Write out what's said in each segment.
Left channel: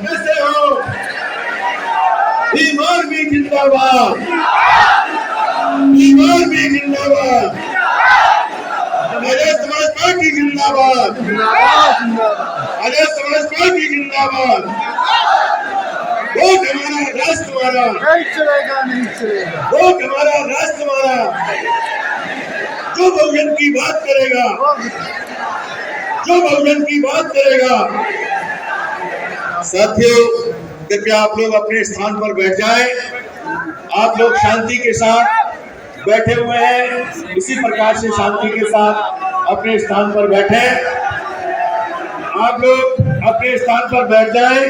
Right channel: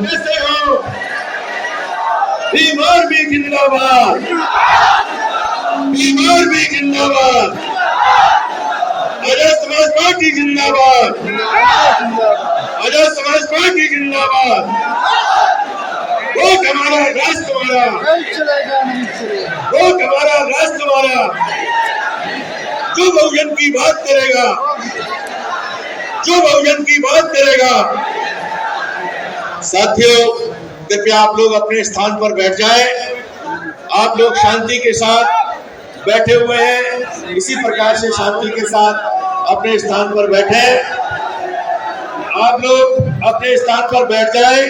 कैसे हो? बीमार भी जिंदाबाद, बीमार भी जिंदाबाद, आजाद समाज पार्टी जिंदाबाद, आजाद समाज पार्टी जिंदाबाद। वो हमारा राष्ट्र तुम्हारा नहीं चलेगा, नहीं चलेगा। वो हमारा राष्ट्र तुम्हारा जो बहुजन की बात करेगा, जो बहुजन की बात करेगा। साथियों, कृपया आप लोग अपने स्थान पर बैठ जाएं। आप लोग शांति के साथ बैठे हुए हैं, इसी प्रकार से शांति के साथ अपने स्थान पर बैठे। आप लोग अपने स्थान पर बैठ जाएं।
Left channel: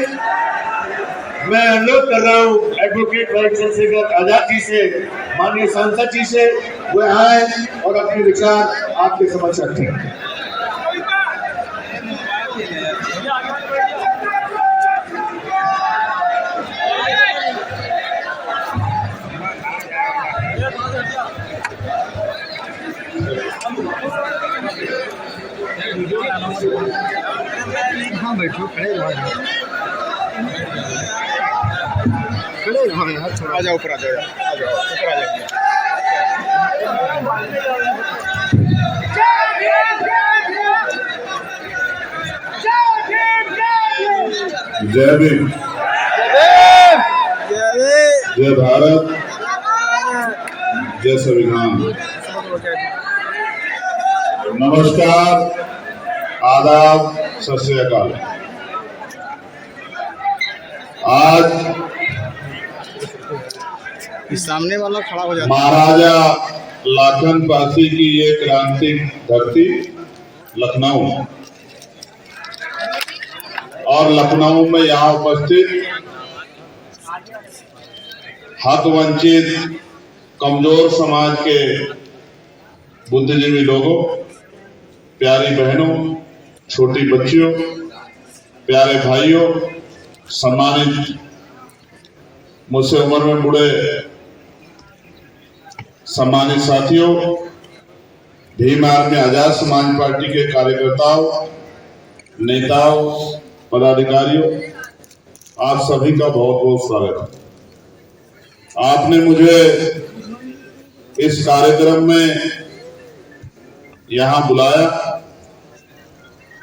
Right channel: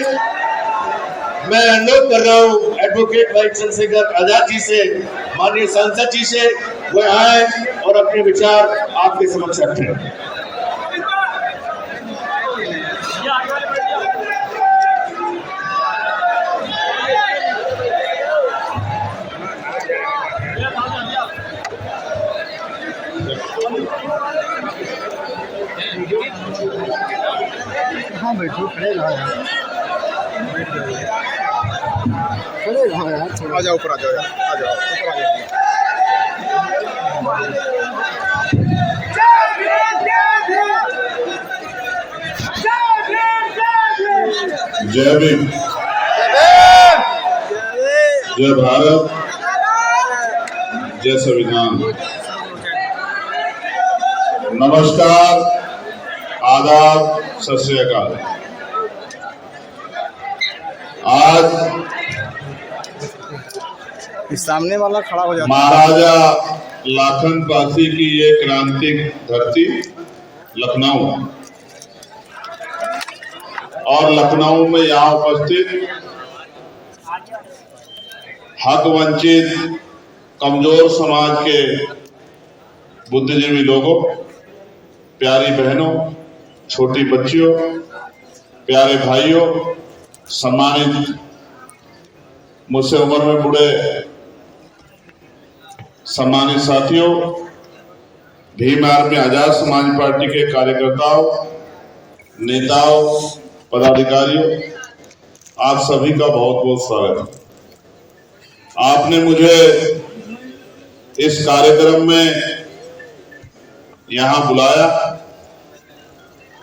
मैं अनुरोध कर रहा हूँ एडवोकेट भाई चंद्रशेखर आजाद जी से, माननीय सांसद जी से, वो आए और अपने विचार आपके समक्ष रखें। हाँ बैठो, खड़े रहो यार, खड़े रहो यार। आ जाओ ऊपर, आ जाओ यार, आ जाओ ऊपर, आ जाओ। जय भीम, जय भारत, जय संविधान। नमस्कार, आदाब, सत श्री अकाल। आज सामने वाला खड़ा हो जाता है। महाराजा लाखन पासी की ये क्रांतिक धरती लखनऊ, और लखनऊ में यहाँ उपस्थित हक वंचित कमजोर समाज के बुद्धिजीवी लोगों, प्यारी बहनों, छोटी बच्चियों, प्यारे भाइयों, सम्मानित मुझसे उम्र में बूढ़े सम्मानित साथियों, भीम आर्मी आजाद समाज पार्टी के कार्यकर्ताओं, नेताओं, पदाधिकारियों, आप सभी का बहुत बहुत स्वागत है। आपने मुझे इस कार्यक्रम में यहां बुलाया,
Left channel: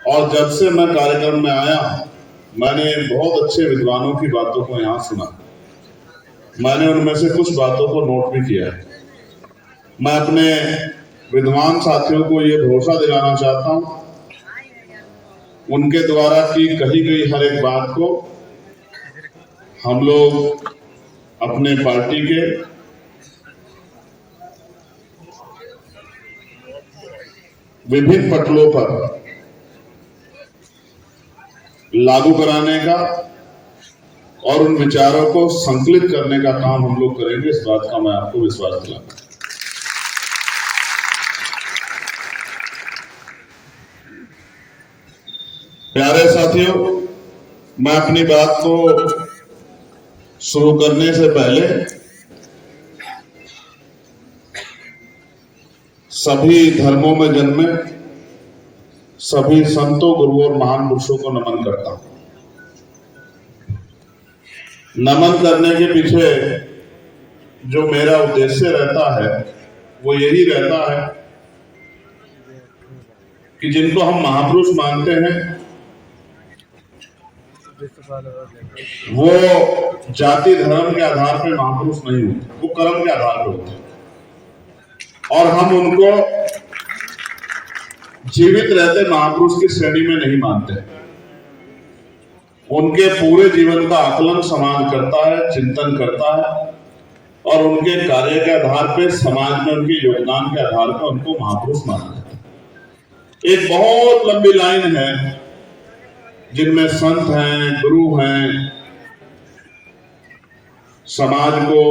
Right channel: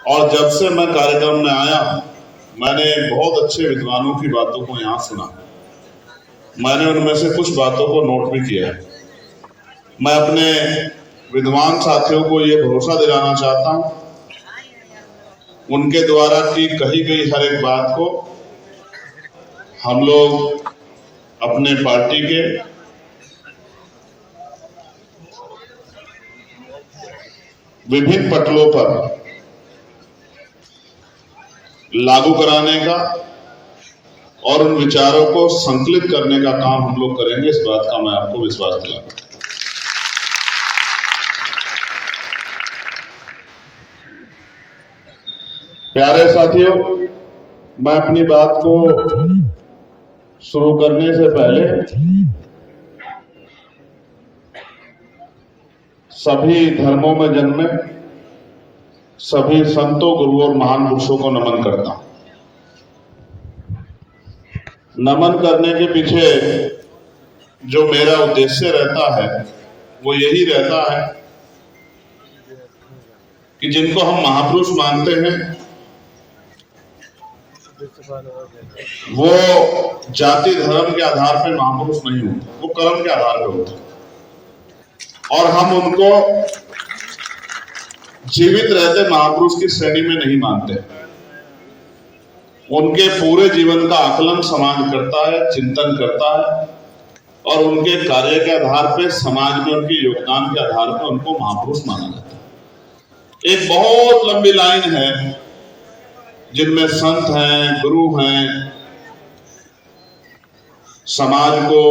और जब से मैं कार्यक्रम में आया, मैंने बहुत अच्छे विद्वानों की बातों को यहां सुना। मैंने उनमें से कुछ बातों को नोट भी किया है। मैं अपने विद्वान साथियों को ये भरोसा दिलाना चाहता हूं, उनके द्वारा की कही गई हर एक बात को हम लोग अपने पार्टी के विभिन्न पटलों पर लागू कराने का और उन विचारों को संकलित करने का काम हम लोग करेंगे। इस बात का मैं आपको विश्वास दिलाता हूं। प्यारे साथियों, मैं अपनी बात को शुरू करने से पहले सभी धर्मों में जन्मे सभी संतों, गुरुओं और महान पुरुषों को नमन करता हूं। नमन करने के पीछे जो मेरा उद्देश्य रहता है वो यही रहता है कि जिनको हम महापुरुष मानते हैं वो जाति धर्म के आधार पर महापुरुष नहीं होते, वो कर्म के आधार पर होते हैं। और हम उनको जीवित रहते महापुरुष की श्रेणी में नहीं मानते। उनके पूरे जीवन का आकलन समाज करता है, चिंतन करता है, और उनके कार्य के आधार पर, समाज में उनके योगदान के आधार पर उनको महापुरुष माना जाता है। एक बहुत लंबी लाइन है जिनमें संत हैं, गुरु हैं, समाज को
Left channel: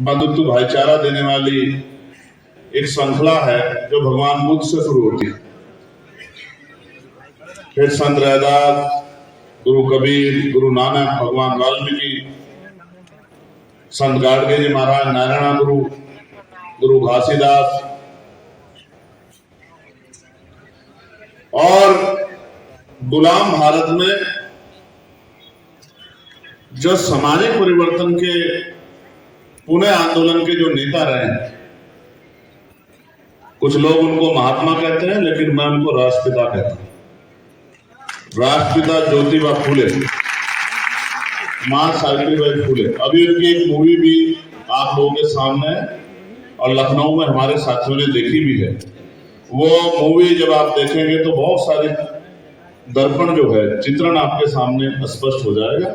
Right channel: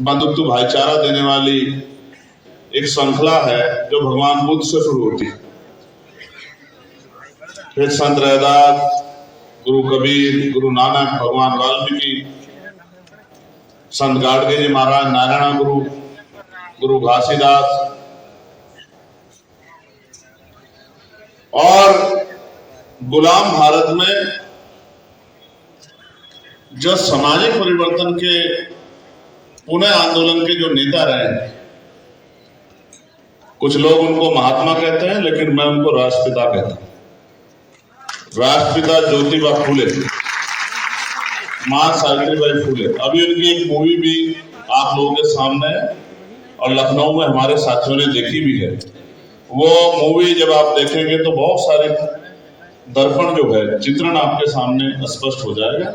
बंधुत्व भाईचारा देने वाली एक श्रृंखला है जो भगवान बुद्ध से शुरू होती है। फिर संत रैदास, गुरु कबीर, गुरु नानक, भगवान वाल्मीकि, संत गाडगे जी महाराज, नारायण गुरु, गुरु घासीदास, और गुलाम भारत में जो सामाजिक परिवर्तन के पुनः आंदोलन के जो नेता रहे, कुछ लोग उनको महात्मा कहते हैं, लेकिन मैं उनको राष्ट्रपिता कहता हूं। राष्ट्रपिता ज्योतिबा फूले, मां सावित्रीबाई फूले। अभी उनकी एक मूवी भी आप लोगों के सामने है और लखनऊ में हमारे साथियों ने देखी भी है। वो मूवी जब आप देखेंगे तो बहुत सारे दर्पण जो है, चित्रण आपके सामने स्पष्ट हो जाएगा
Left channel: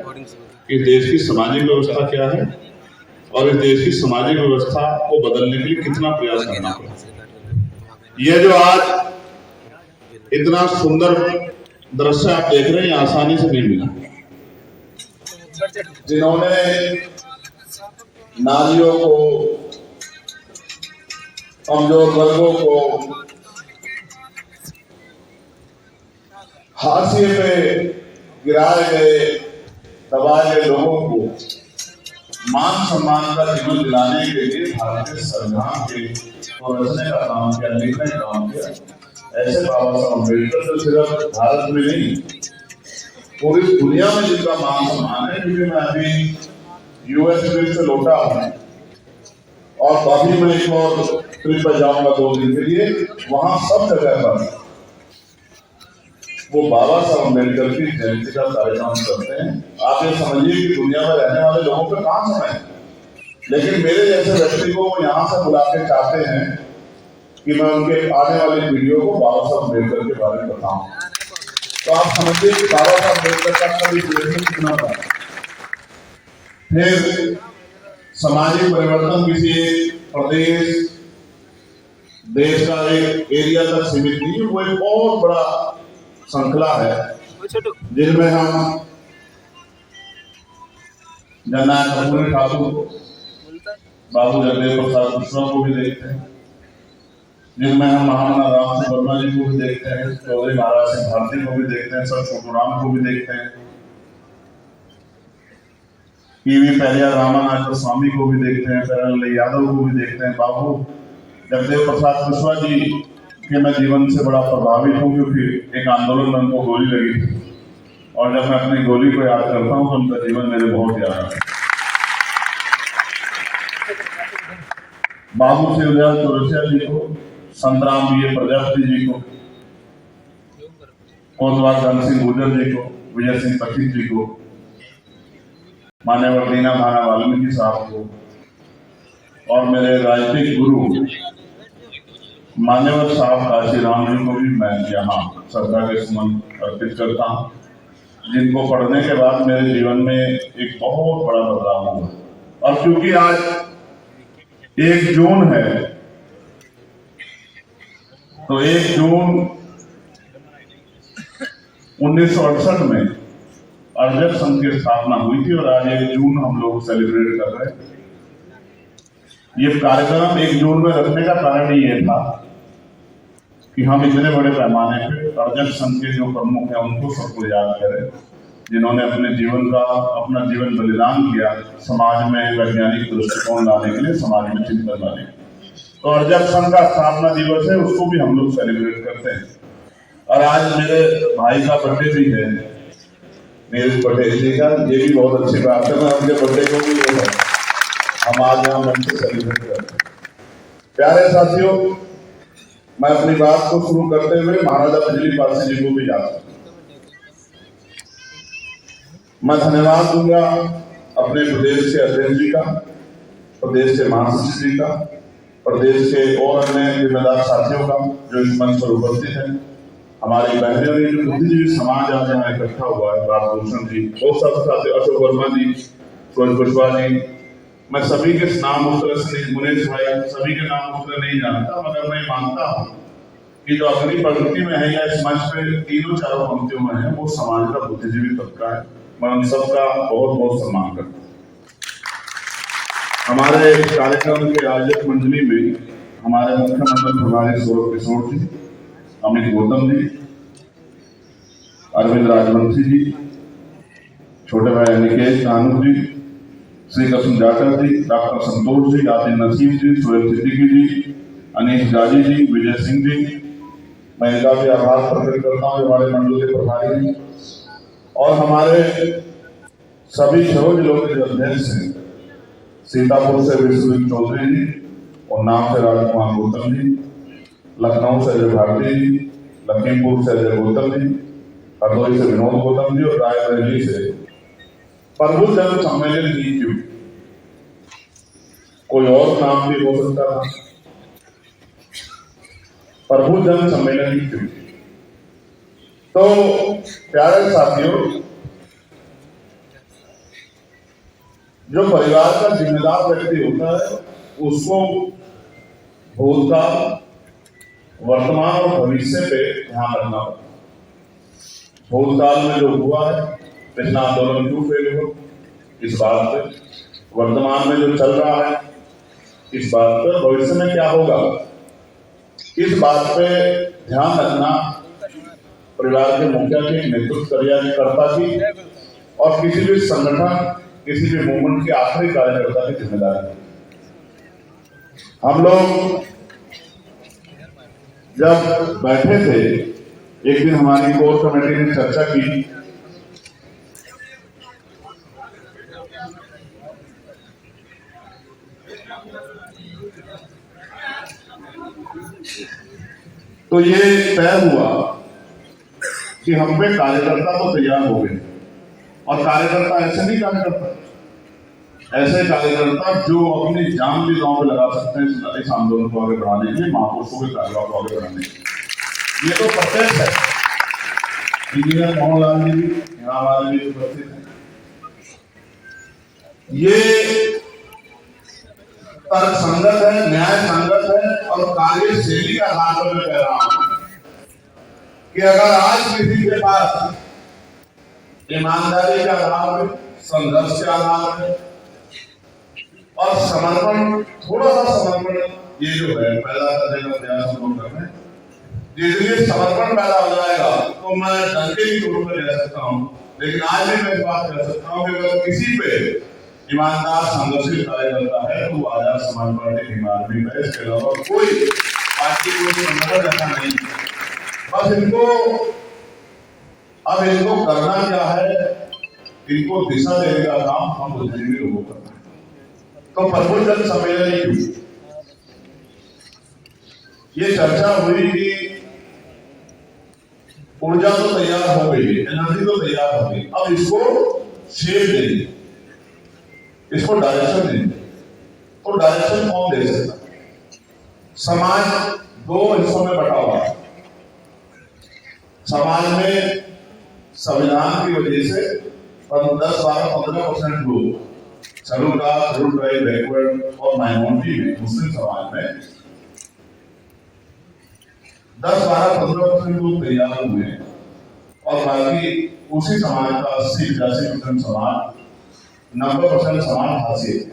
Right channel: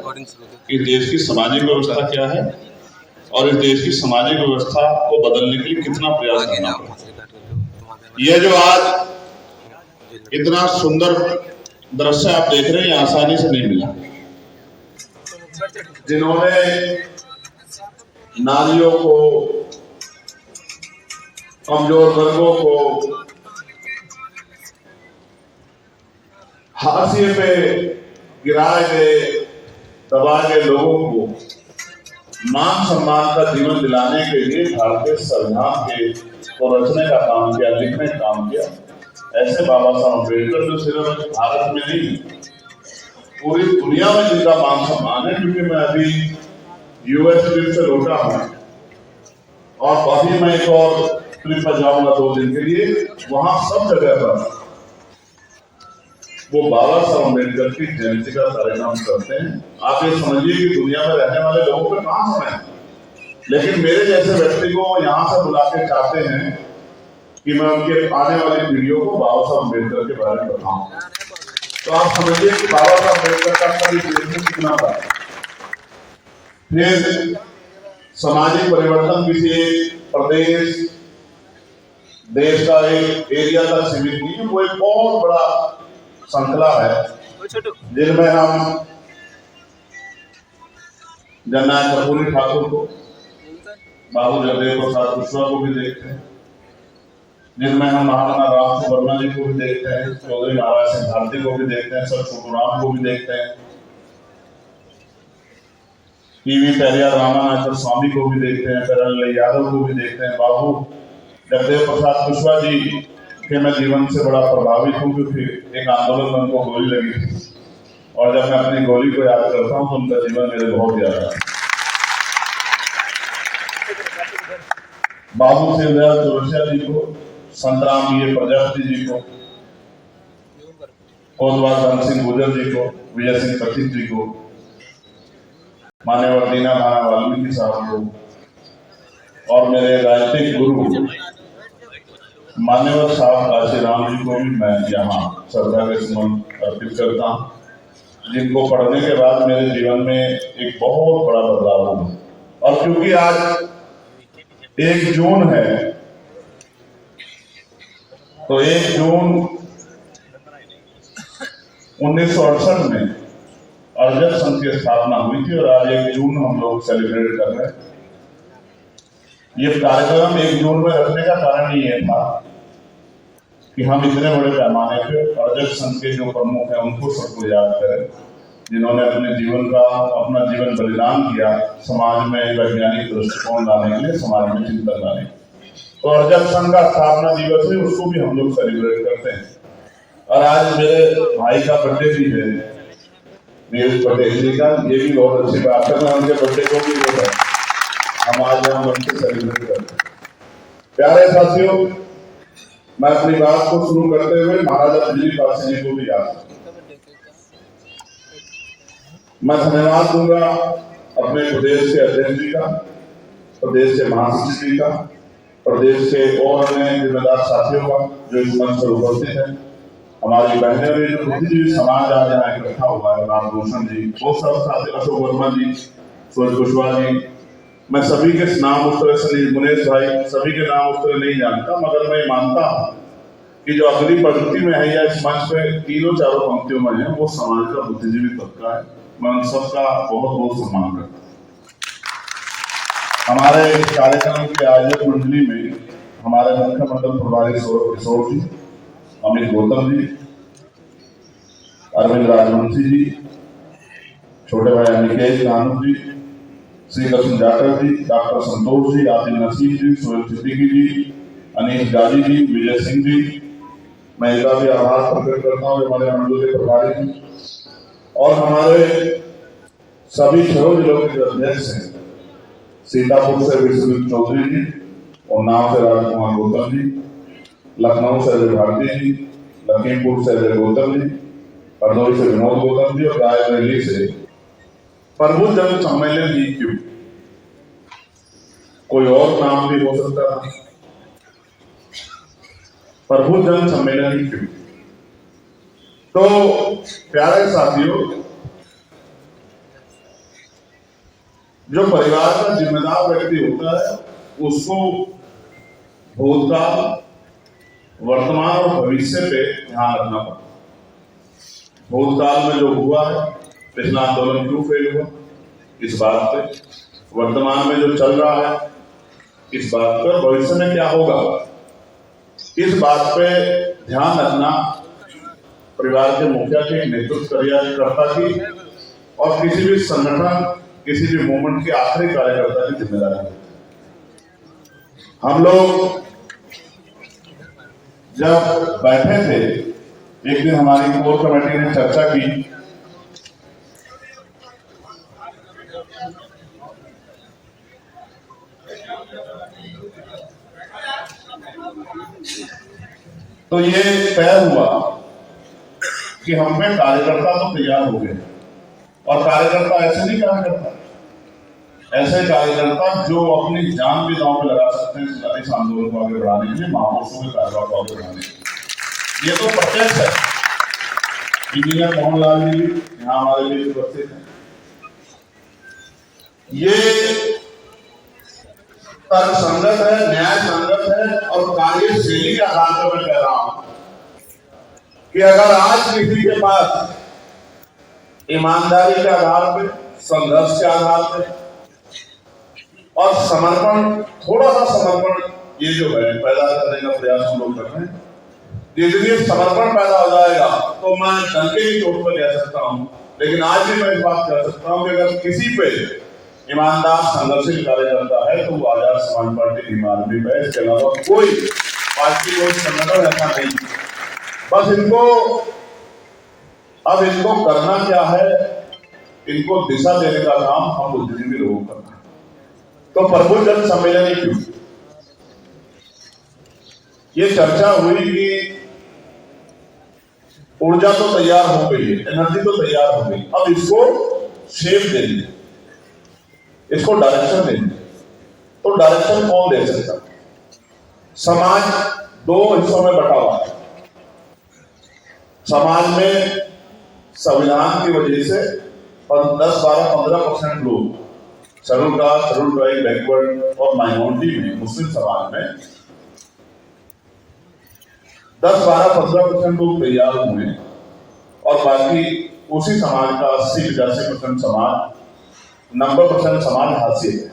कि देश की सामाजिक व्यवस्था क्या है और इस देश की सामाजिक व्यवस्था को बदलने के लिए कितना प्रयास करना पड़ेगा। यह जो आज इतना सुंदर दृश्य आप देख रहे हैं, आसानी से नहीं मिला। जिन्होंने नारियों को, कमजोर वर्गों को, हाशिए पे गिराए गए, दबाए गए लोगों को मान सम्मान का जीवन दिलाने के लिए भारतीय संविधान के को रचने का काम किया, लिखने का काम किया। ऐसे बाबा साहब अम्बेडकर तो सिर्फ भारत में नहीं, पूरी दुनिया में जिनका मान सम्मान है। क्योंकि मैं अभी यूएस ट्रिप से लौटा हूं और अभी मैं एक और ट्रिप पर जाऊंगा 2 दिन के लिए। वहां सब जगह पर वो बाबा साहब अम्बेडकर की जयंती का कार्यक्रम करते हैं। आप ये समझिए कि दुनिया में रहने वाले लोगों पे कहां समय है, लेकिन मेरे जैसे व्यक्ति को यहाँ से बुला के चाहते हैं कि मैं उनके आने वाली पीढ़ियों को बाबा साहब अम्बेडकर के बारे में बताऊं। तो आप समझिए कि बाबा साहब अम्बेडकर का कभी देश में कितना बड़ा। फिर सामाजिक परिवर्तन किसी प्रदेश, देश का एक एरिया तक सीमित नहीं है, वो एक बहुत बड़ा श्रृंखला है जिनमें हम जननायक कर्पूरी ठाकुर को, बाबू जगदेव प्रसाद कुशवाहा को भी देखते हैं, जिनमें हम महामना राम वर्मा जी को भी देखते हैं, चौधरी महाराज सिंह भारती को भी देखते हैं, सर छोटू राम को भी देखते हैं, ईवी पेरियार रामानाथ स्वामी को भी देखते हैं, करण यादव को भी देखते हैं। बाबू जगदेव प्रसाद कुशवाहा जी के मैं जीवन से बड़ा प्रभावित हूँ, क्योंकि एक आंदोलन में उनको गोली लगी थी और जब मैं अपनी गोली को याद करता हूँ तो उनका जीवन मेरे बहुत याद आता है। बाबू शिवदयाल चौरसिया जी को, संतराम बी प्रजापति जी को, कोतवाल धन सिंह गुर्जर जी को, विजय सिंह पथिक जी को, मान्यवर दीना नाना वाल्मीकि साहब को और मेरे राजनीतिक गुरु मान्यवर साहब काशी राम जी को भी मैं यहाँ श्रद्धा के सुमन अर्पित करता हूँ, जिनको पढ़ने के बाद मेरे जीवन में एक बहुत बड़ा बदलाव हुआ। और क्योंकि आज 1 जून है, तो 1 जून 1968 में अर्जक संघ की स्थापना हुई थी और आज 1 जून हम लोग सेलिब्रेट कर रहे हैं। ये कार्यक्रम 1 जून में रखने का कारण ही ये था कि हम इतने बड़े पैमाने पे अर्जक संघ के जो प्रमुख हैं उनको सबको याद करें, जिन्होंने अपने जीवन का अपना जीवन बलिदान किया समाज में वैज्ञानिक दृष्टिकोण लाने के लिए, समाज में चिंतन लाने के लिए। तो अर्जक संघ का स्थापना दिवस है, उसको भी हम लोग सेलिब्रेट करते हैं। और आज मेरे भाई का बर्थडे भी है, नीरज पटेल जी का, ये भी बहुत अच्छी बात है। मैं उनके बर्थडे को भी जो है हम आज यहाँ मन से सेलिब्रेट करते हैं। प्यारे साथियों, मैं अपनी बात को शुरू करते हुए महाराजा बिजली पासी जी को भी याद करता हूं। मैं धन्यवाद दूंगा अपने प्रदेश के अध्यक्ष जी का, प्रदेश के महासचिव जी का, प्रदेश के और अन्य जिम्मेदार साथियों का जो इस मंच पर उपस्थित है, हमारी बहनें भी, जो बुद्धिजीवी समाज आज यहाँ इकट्ठा हुआ है, रामभूषण जी, बहुत सारे साथी, अशोक वर्मा जी, सूरज कुशवाहा जी, मैं सभी के नाम उस तरह से नहीं, मुनेश भाई, सभी के नाम उस तरह नहीं जानता, मगर मैं मानता हूं कि जो अगली पंक्ति में है या इस मंच पे 3-4 पंक्तियों में है, वो समाज का बुद्धिजीवी तबका है। मैं उन सबका बहुत बहुत सम्मान करता हूँ। हमारे कार्यक्रम के आयोजक मंडली में हमारे मुख्य मंडल प्रभारी सौरभ किशोर जी, अमित गौतम जी, अरविंद राजवंशी जी, छोटे भाई निकेश नानू जी, श्री कृष्ण जाटव जी, डॉक्टर संतोष जी, आदिल नसीम जी, सोहेल सिद्दीकी जी, अनीश गाजी जी, विजय सिंह जी, मैं इनका भी आभार प्रकट करता हूँ, हमारे मंडल के प्रभारी जी, और हमारे सभी 6 जिलों के जो अध्यक्ष हैं, सीतापुर से विश्वजीत चौधरी जी, उन्नाव से राजकुमार गौतम जी, लखनऊ से अजय भारती जी, लखीमपुर से अजय गौतम जी, हरदोई से विनोद गौतम जी और रायबरेली से प्रभु जन सम्मेलन जी। क्यों? कोई और नाम भी हो सकता था, प्रभु जन सम्मेलन जी क्यों? तो प्यारे साथियों, जो परिवार का जिम्मेदार व्यक्ति होता है उसको भूतकाल, वर्तमान और भविष्य पे ध्यान रखना पड़ता है। भूतकाल में जो हुआ है, पिछला आंदोलन क्यों फेल हुआ, इस बात पे, वर्तमान में जो चल रहा है इस बात पर, भविष्य में क्या होगा इस बात पे ध्यान रखना परिवार के मुखिया के नेतृत्व कार्यकर्ता की और किसी भी संगठन, किसी भी मूवमेंट के आखिरी कार्यकर्ता की जिम्मेदारी है। हम लोग जब बैठे थे, एक दिन हमारी कोर कमेटी ने चर्चा की तो ये तय हुआ कि हम पे कार्यकर्ता तो तैयार हो गए, और कार्यकर्ता ऐसे नहीं कार्यकर्ता, ऐसे कार्यकर्ता जो अपनी जान भी दांव पे लगा सकते हैं इस आंदोलन को आगे बढ़ाने के लिए, महापुरुषों के कार्यक्रम को आगे बढ़ाने के लिए। ये तो प्रत्यक्ष है। इंजीनियर मोहन लाल जी यहाँ हमारे लिए उपस्थित है। ये तर्क संगत है, न्याय संगत है और कार्यशैली के आधार पर मैं कह रहा हूं कि अगर आज किसी के पास ईमानदारी के आधार पर, संघर्ष के आधार पर और समर्पण, थोड़ा सा समर्पण ये जो है पैदा करने का प्रयास हम लोग कर रहे हैं, यदि समर्पण पैदा हो जाएगा तो मैं डंके की चोट पर कह सकता हूं, लेकिन आज भी मैं इस बात कह सकता हूं कि अगर किसी पे ईमानदार संघर्षशील कार्यकर्ता है तो आजाद समाज पार्टी ईमानदारी है, इसके अलावा कोई पार्टी, कोई संगठन ऐसा नहीं। बस अब इनको करना क्या है, इनको दिशा देने का काम हम बुद्धिजीवी लोगों को करना है। तो प्रभु जन सम्मेलन क्यों? ये चर्चा हुई कि ऊर्जा तो तैयार हो गई है, एनर्जी तो तैयार हो गई, अब इसको शेप देनी, इसको डायरेक्शन देनी। तो डायरेक्शन कौन दे सकता? समाज 2 हिस्सों में बटा हुआ है। समाज में संविधान की वजह से 10-12-15% लोग schedule caste, schedule tribe, backward और माइनॉरिटी में, मुस्लिम समाज में 10-12-15% लोग तैयार हुए और बाकी उसी समाज का 80-85% समाज, 90% समाज हासिल है।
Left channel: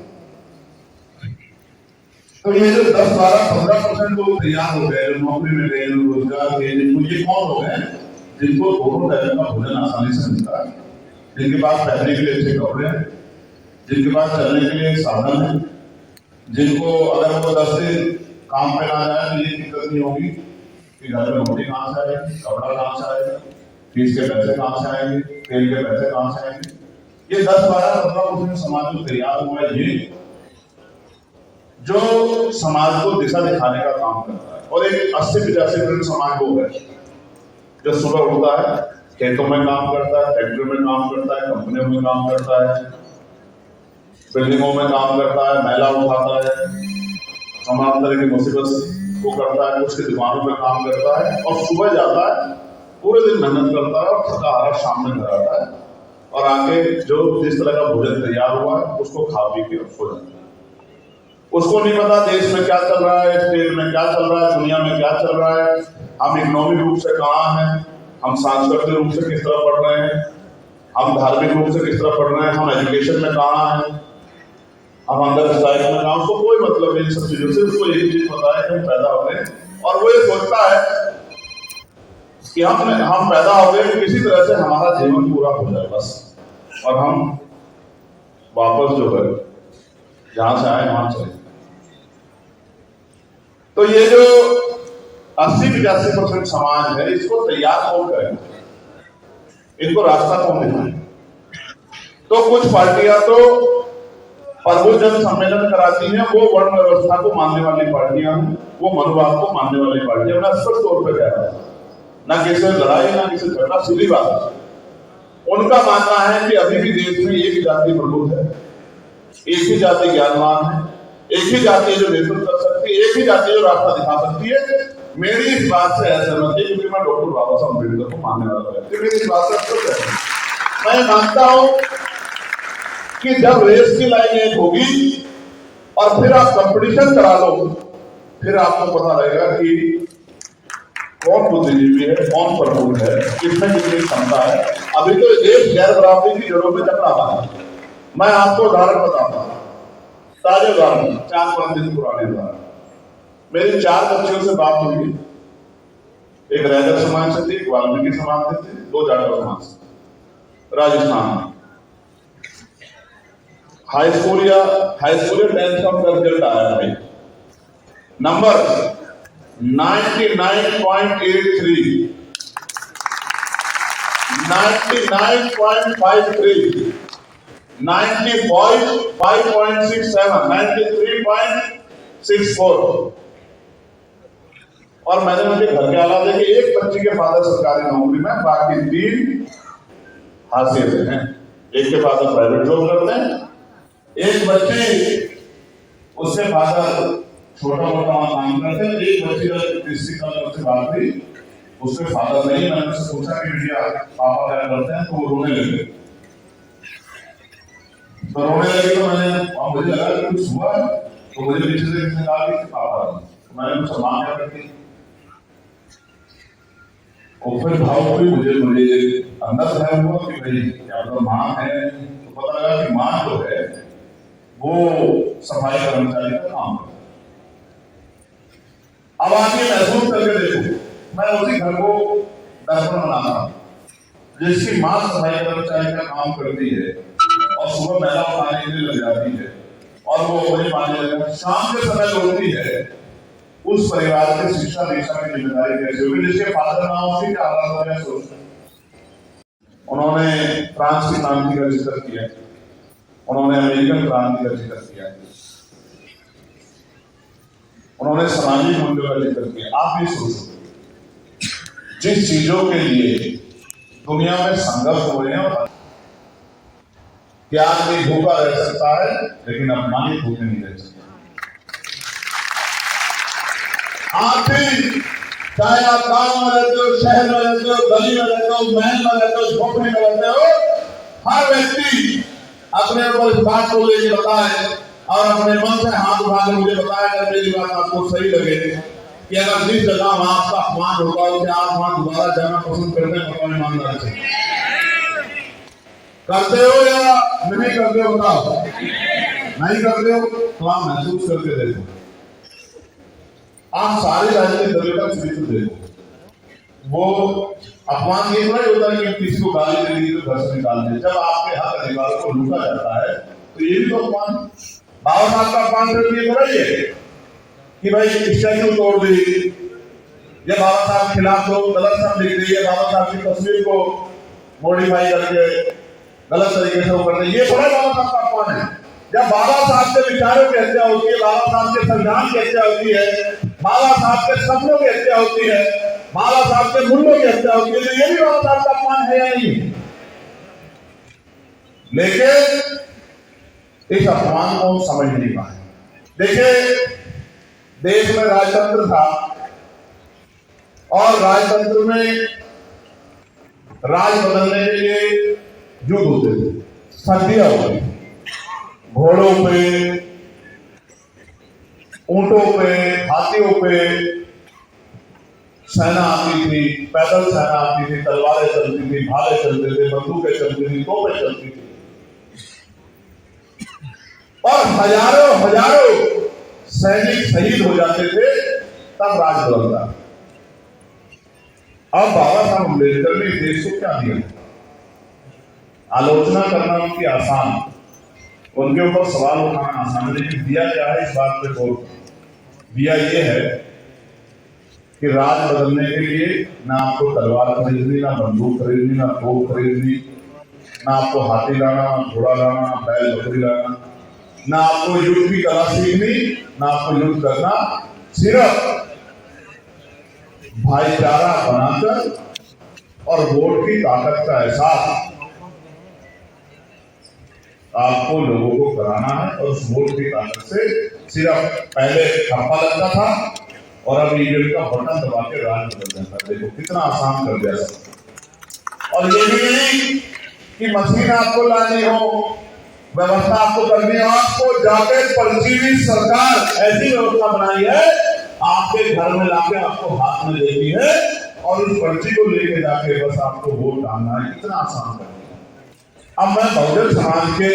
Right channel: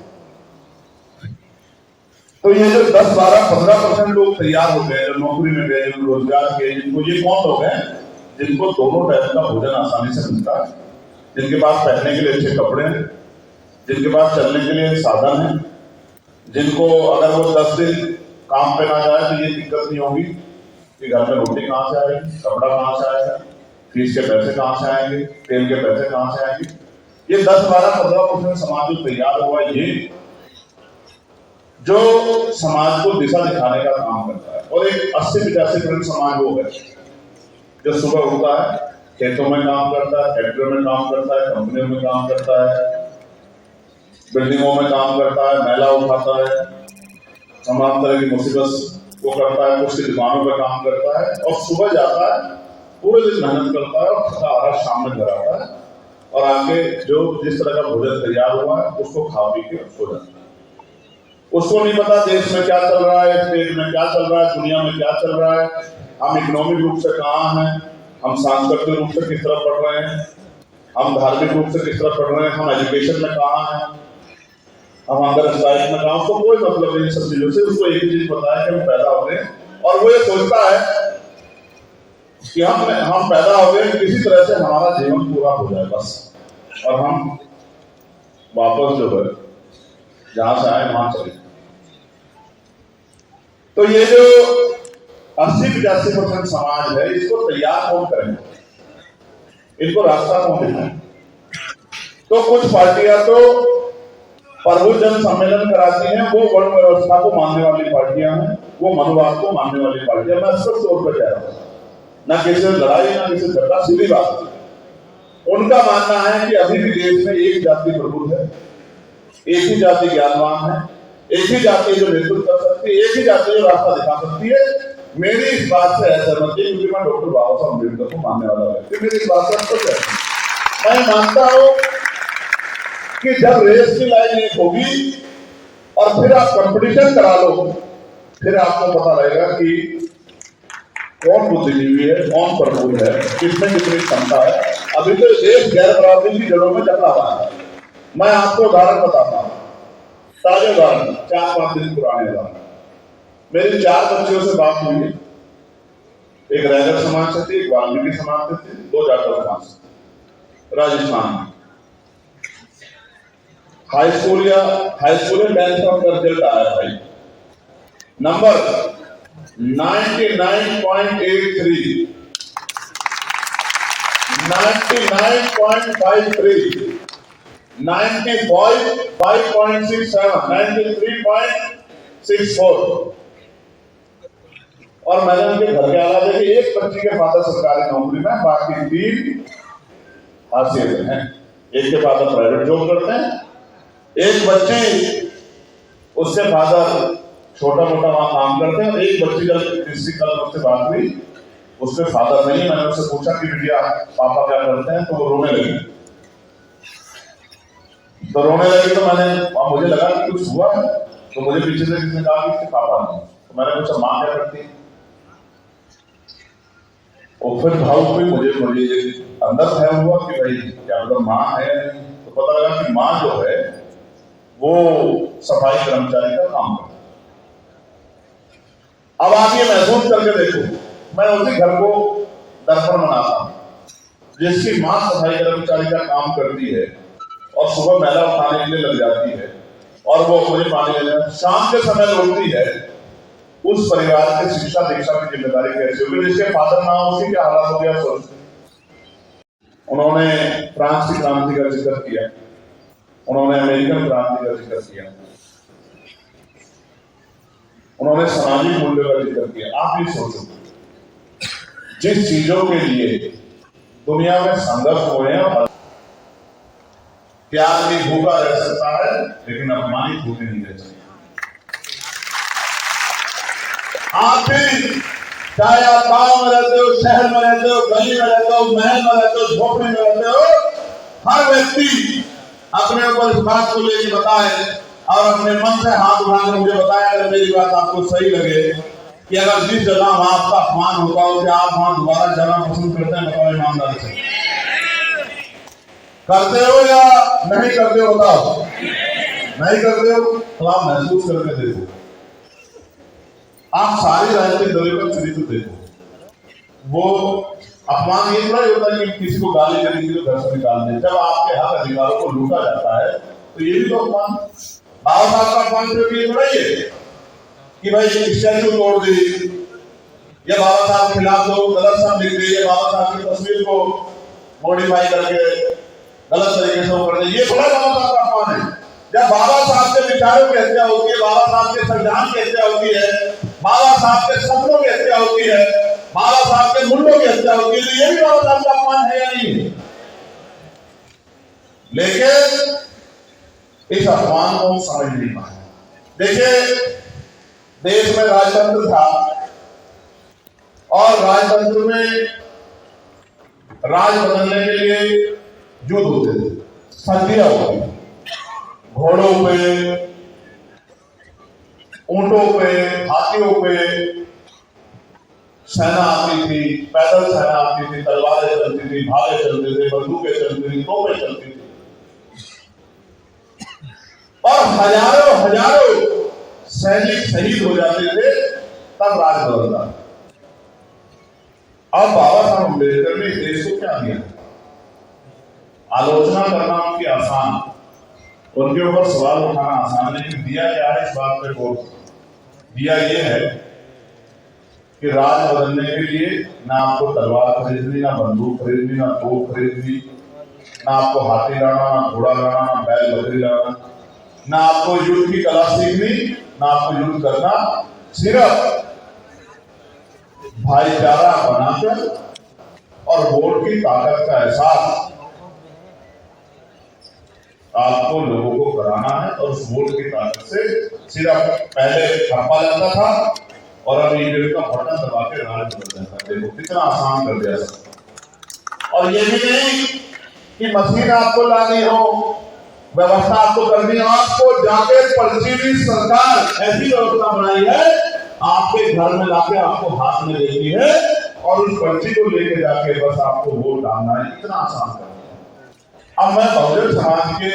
तो ये जो 10-12-15% लोग तैयार हो गए, जो नौकरी में गए, जो रोजगार के, जिनको, ये कौन लोग हैं जिनको दोनों टाइम का भोजन आसानी से मिलता है, जिनके पास पहनने के लिए अच्छे कपड़े हैं, जिनके पास चलने के लिए साधन है, जिनको अगर वो 10 दिन काम पे ना जाए तो ये दिक्कत नहीं होगी कि घर में रोटी कहाँ से आएगी, कपड़ा कहाँ से आएगा, फीस के पैसे कहाँ से आएंगे, तेल के पैसे कहाँ से आएंगे। ये 10-12-15% समाज जो तैयार हुआ, ये जो समाज को दिशा दिखाने का काम करता है। और एक 80-85% समाज वो है जो सुबह उठता है, खेतों में काम करता है, फैक्ट्रियों में काम करता है, कंपनियों में काम करता है, बिल्डिंगों में काम करता है, महिला उठाता है, तमाम तरह की मुसीबत को करता है, कुछ की दुकानों पर काम करता है और सुबह जाता है, पूरे दिन मेहनत करता है और थका हारा शाम में घर आता है और आके जो जिस तरह का भोजन तैयार हुआ है उसको खा पी के सो जाता है। उसको नहीं पता देश में क्या चल रहा है, स्टेट में क्या चल रहा है, दुनिया में क्या चल रहा है, हम इकोनॉमिक रूप से कहाँ हैं, हम सांस्कृतिक रूप से किस तरह पढ़ रहे हैं, हम धार्मिक रूप से किस तरह पढ़ रहे हैं, हम एजुकेशन में कहाँ हैं, हम अंदर स्टाइल में कहाँ। उसको कोई मतलब नहीं इन सब चीजों से। उसको एक ही चीज पता है कि हम पैदा हो गए और वो ये सोचता है कि हम पैदा हो गए, किसी तरह से हमारा जीवन पूरा हो जाए बस, और हम वापस जो है जहां से आए वहां चले। तो ये जो 80-85% समाज है, इसको तैयार कौन करेगा, इनको रास्ता कौन दिखाए? तो कुछ पार्टियां तो प्रभुजन सम्मेलन कराती हैं, वो वर्ण व्यवस्था को मानने वाली पार्टियां हैं, वो मनुवाद को मानने वाली पार्टियां। मैं स्पष्ट तौर पर कह रहा हूं, ना किसी से लड़ाई ना किसी से झगड़ा, सीधी बात। उनका मानना है कि अभी भी देश में एक जाति प्रबुद्ध है, एक ही जाति ज्ञानवान है, एक ही जाति जो नेतृत्व कर सकती है, एक ही जाति जो रास्ता दिखा सकती है। मेरी इस बात से असहमति है, क्योंकि मैं डॉक्टर बाबा साहब अम्बेडकर को मानने वाला व्यक्ति, मेरी इस बात से कुछ है। मैं मानता हूं कि जब रेस की लाइन एक होगी और फिर आप कंपटीशन करा लो, फिर आपको पता लगेगा कि कौन बुद्धिजीवी है, कौन प्रबुद्ध है, किसमें कितनी क्षमता है। अभी तो देश गैर बराबरी की जड़ों में जकड़ा हुआ है। मैं आपको उदाहरण बताता हूं, ताजे उदाहरण, 4-5 दिन पुराने उदाहरण। मेरी 4 बच्चियों से बात हुई है, एक रैगर समाज से थी, एक वाल्मीकि समाज से थी, 2 जाटव समाज से, राजस्थान में। हाई स्कूल या 10th का रिजल्ट आया भाई, नंबर 99.83, 99.53, 95.67, 93.64। और मैंने उनके घर के हालात देखे, एक बच्ची के फादर सरकारी नौकरी में, बाकी 3 हाशिए से हैं। एक के फादर प्राइवेट जॉब करते हैं, एक बच्चे उससे फादर छोटा मोटा वहां काम करते हैं, एक बच्ची जब किसी कल उससे बात हुई, उसके फादर नहीं। मैंने उससे पूछा कि भैया पापा क्या करते हैं, तो वो रोने लगी। तो मैंने मुझे लगा कि कुछ हुआ है, तो मुझे पीछे से किसने कहा कि पापा नहीं। तो मैंने पूछा माँ क्या करती है, और फिर भाव हुई, मुझे अंदर है हुआ कि भाई क्या मतलब माँ है। तो पता लगा कि माँ जो है वो सफाई कर्मचारी का काम करती है। अब आप ये महसूस करके देखो, मैं उसी घर को दर्पण बनाता हूं जिसकी मां सफाई कर्मचारी का काम करती है और सुबह मैला उठाने के लिए लग जाती है और वो मुझे पानी देना, शाम के समय लौटती है। उस परिवार की शिक्षा दीक्षा की जिम्मेदारी कैसे होगी, जिसके फादर ना हो उसकी क्या हालत हो गया सोचते। उन्होंने फ्रांस की क्रांति का जिक्र किया, उन्होंने अमेरिकन क्रांति का जिक्र किया, उन्होंने सामाजिक मूल्यों का जिक्र किया। आप ये सोचो, जिस चीजों के लिए दुनिया में संघर्ष हुए हैं, क्या आदमी भूखा रह सकता है लेकिन अपमानित भूखे नहीं रह सकता। आप भी चाहे आप गांव में रहते हो, शहर में रहते हो, गली में रहते हो, महल में रहते हो, झोपड़ी में रहते हो, हर व्यक्ति अपने ऊपर इस बात को लेकर बताए और अपने मन से हाथ उठा के मुझे बताया अगर मेरी बात आपको सही लगे कि अगर जिस जगह आपका अपमान होता हो क्या आप वहां दोबारा जाना पसंद करते हैं? बताओ ईमानदार से, करते हो या नहीं करते हो? बताओ नहीं करते हो तो आप महसूस करके देखो। आप सारे राजनीतिक दलों का चरित्र देखो, वो अपमान ये थोड़ा होता है कि किसी को गाली दे दी तो घर से निकाल दे। जब आपके हक अधिकारों को लूटा जाता है तो ये भी तो अपमान। बाबा साहब का अपमान सिर्फ ये थोड़ा ही है कि भाई स्टैच्यू तोड़ दी या बाबा साहब खिलाफ लोग गलत शब्द लिख दी या बाबा साहब की तस्वीर को मॉडिफाई करके गलत तरीके से कर दे, ये थोड़ा बाबा साहब का अपमान है। जब बाबा साहब के विचारों की हत्या होती है, बाबा साहब के संविधान की हत्या होती है, बाबा साहब के सपनों की हत्या होती है, बाबा साहब के मूल्यों की हत्या होती है, तो ये भी बाबा साहब का अपमान है या नहीं? लेकिन इस अपमान को समझ नहीं पाए। देखिए, देश में राजतंत्र था और राजतंत्र में राज बदलने के लिए युद्ध होते थे, सर्दियां होती, घोड़ों पे, ऊंटों पे, हाथियों पे सेना आती थी, पैदल सेना आती थी, तलवारें चलती थी, भाले चलते थे, बंदूकें चलती थी, तोपें चलती थी और हजारों सैनिक शहीद हो जाते थे, तब राज बदलता। अब बाबा साहब अम्बेडकर ने देश को क्या दिया? आलोचना करना उनकी आसान, उनके ऊपर सवाल उठाना आसान, लेकिन दिया क्या है इस बात पे गौर। दिया ये है कि राज बदलने के लिए ना आपको तलवार खरीदनी, ना बंदूक खरीदनी, ना तोप खरीदनी, ना आपको हाथी लाना, ना घोड़ा लाना, ना बैल बकरी लाना, ना आपको युद्ध की कला सीखनी, ना आपको युद्ध करना, सिर्फ भाईचारा बनाकर और वोट की ताकत का एहसास आपको लोगों को कराना है। और उस वोट की ताकत से सिर्फ पहले ठप्पा लगता था और अब ईवीएम का बटन दबा के राज बदल जाता है। देखो कितना आसान कर दिया सब। और ये भी नहीं कि मशीन आपको लानी हो, व्यवस्था आपको करनी हो, आपको जाके पर्ची भी सरकार ऐसी व्यवस्था बनाई है आपके घर में लाके आपको हाथ में देती है और उस पर्ची को लेके जाके बस आपको वोट डालना है। इतना आसान कर दिया। अब मैं बहुजन समाज के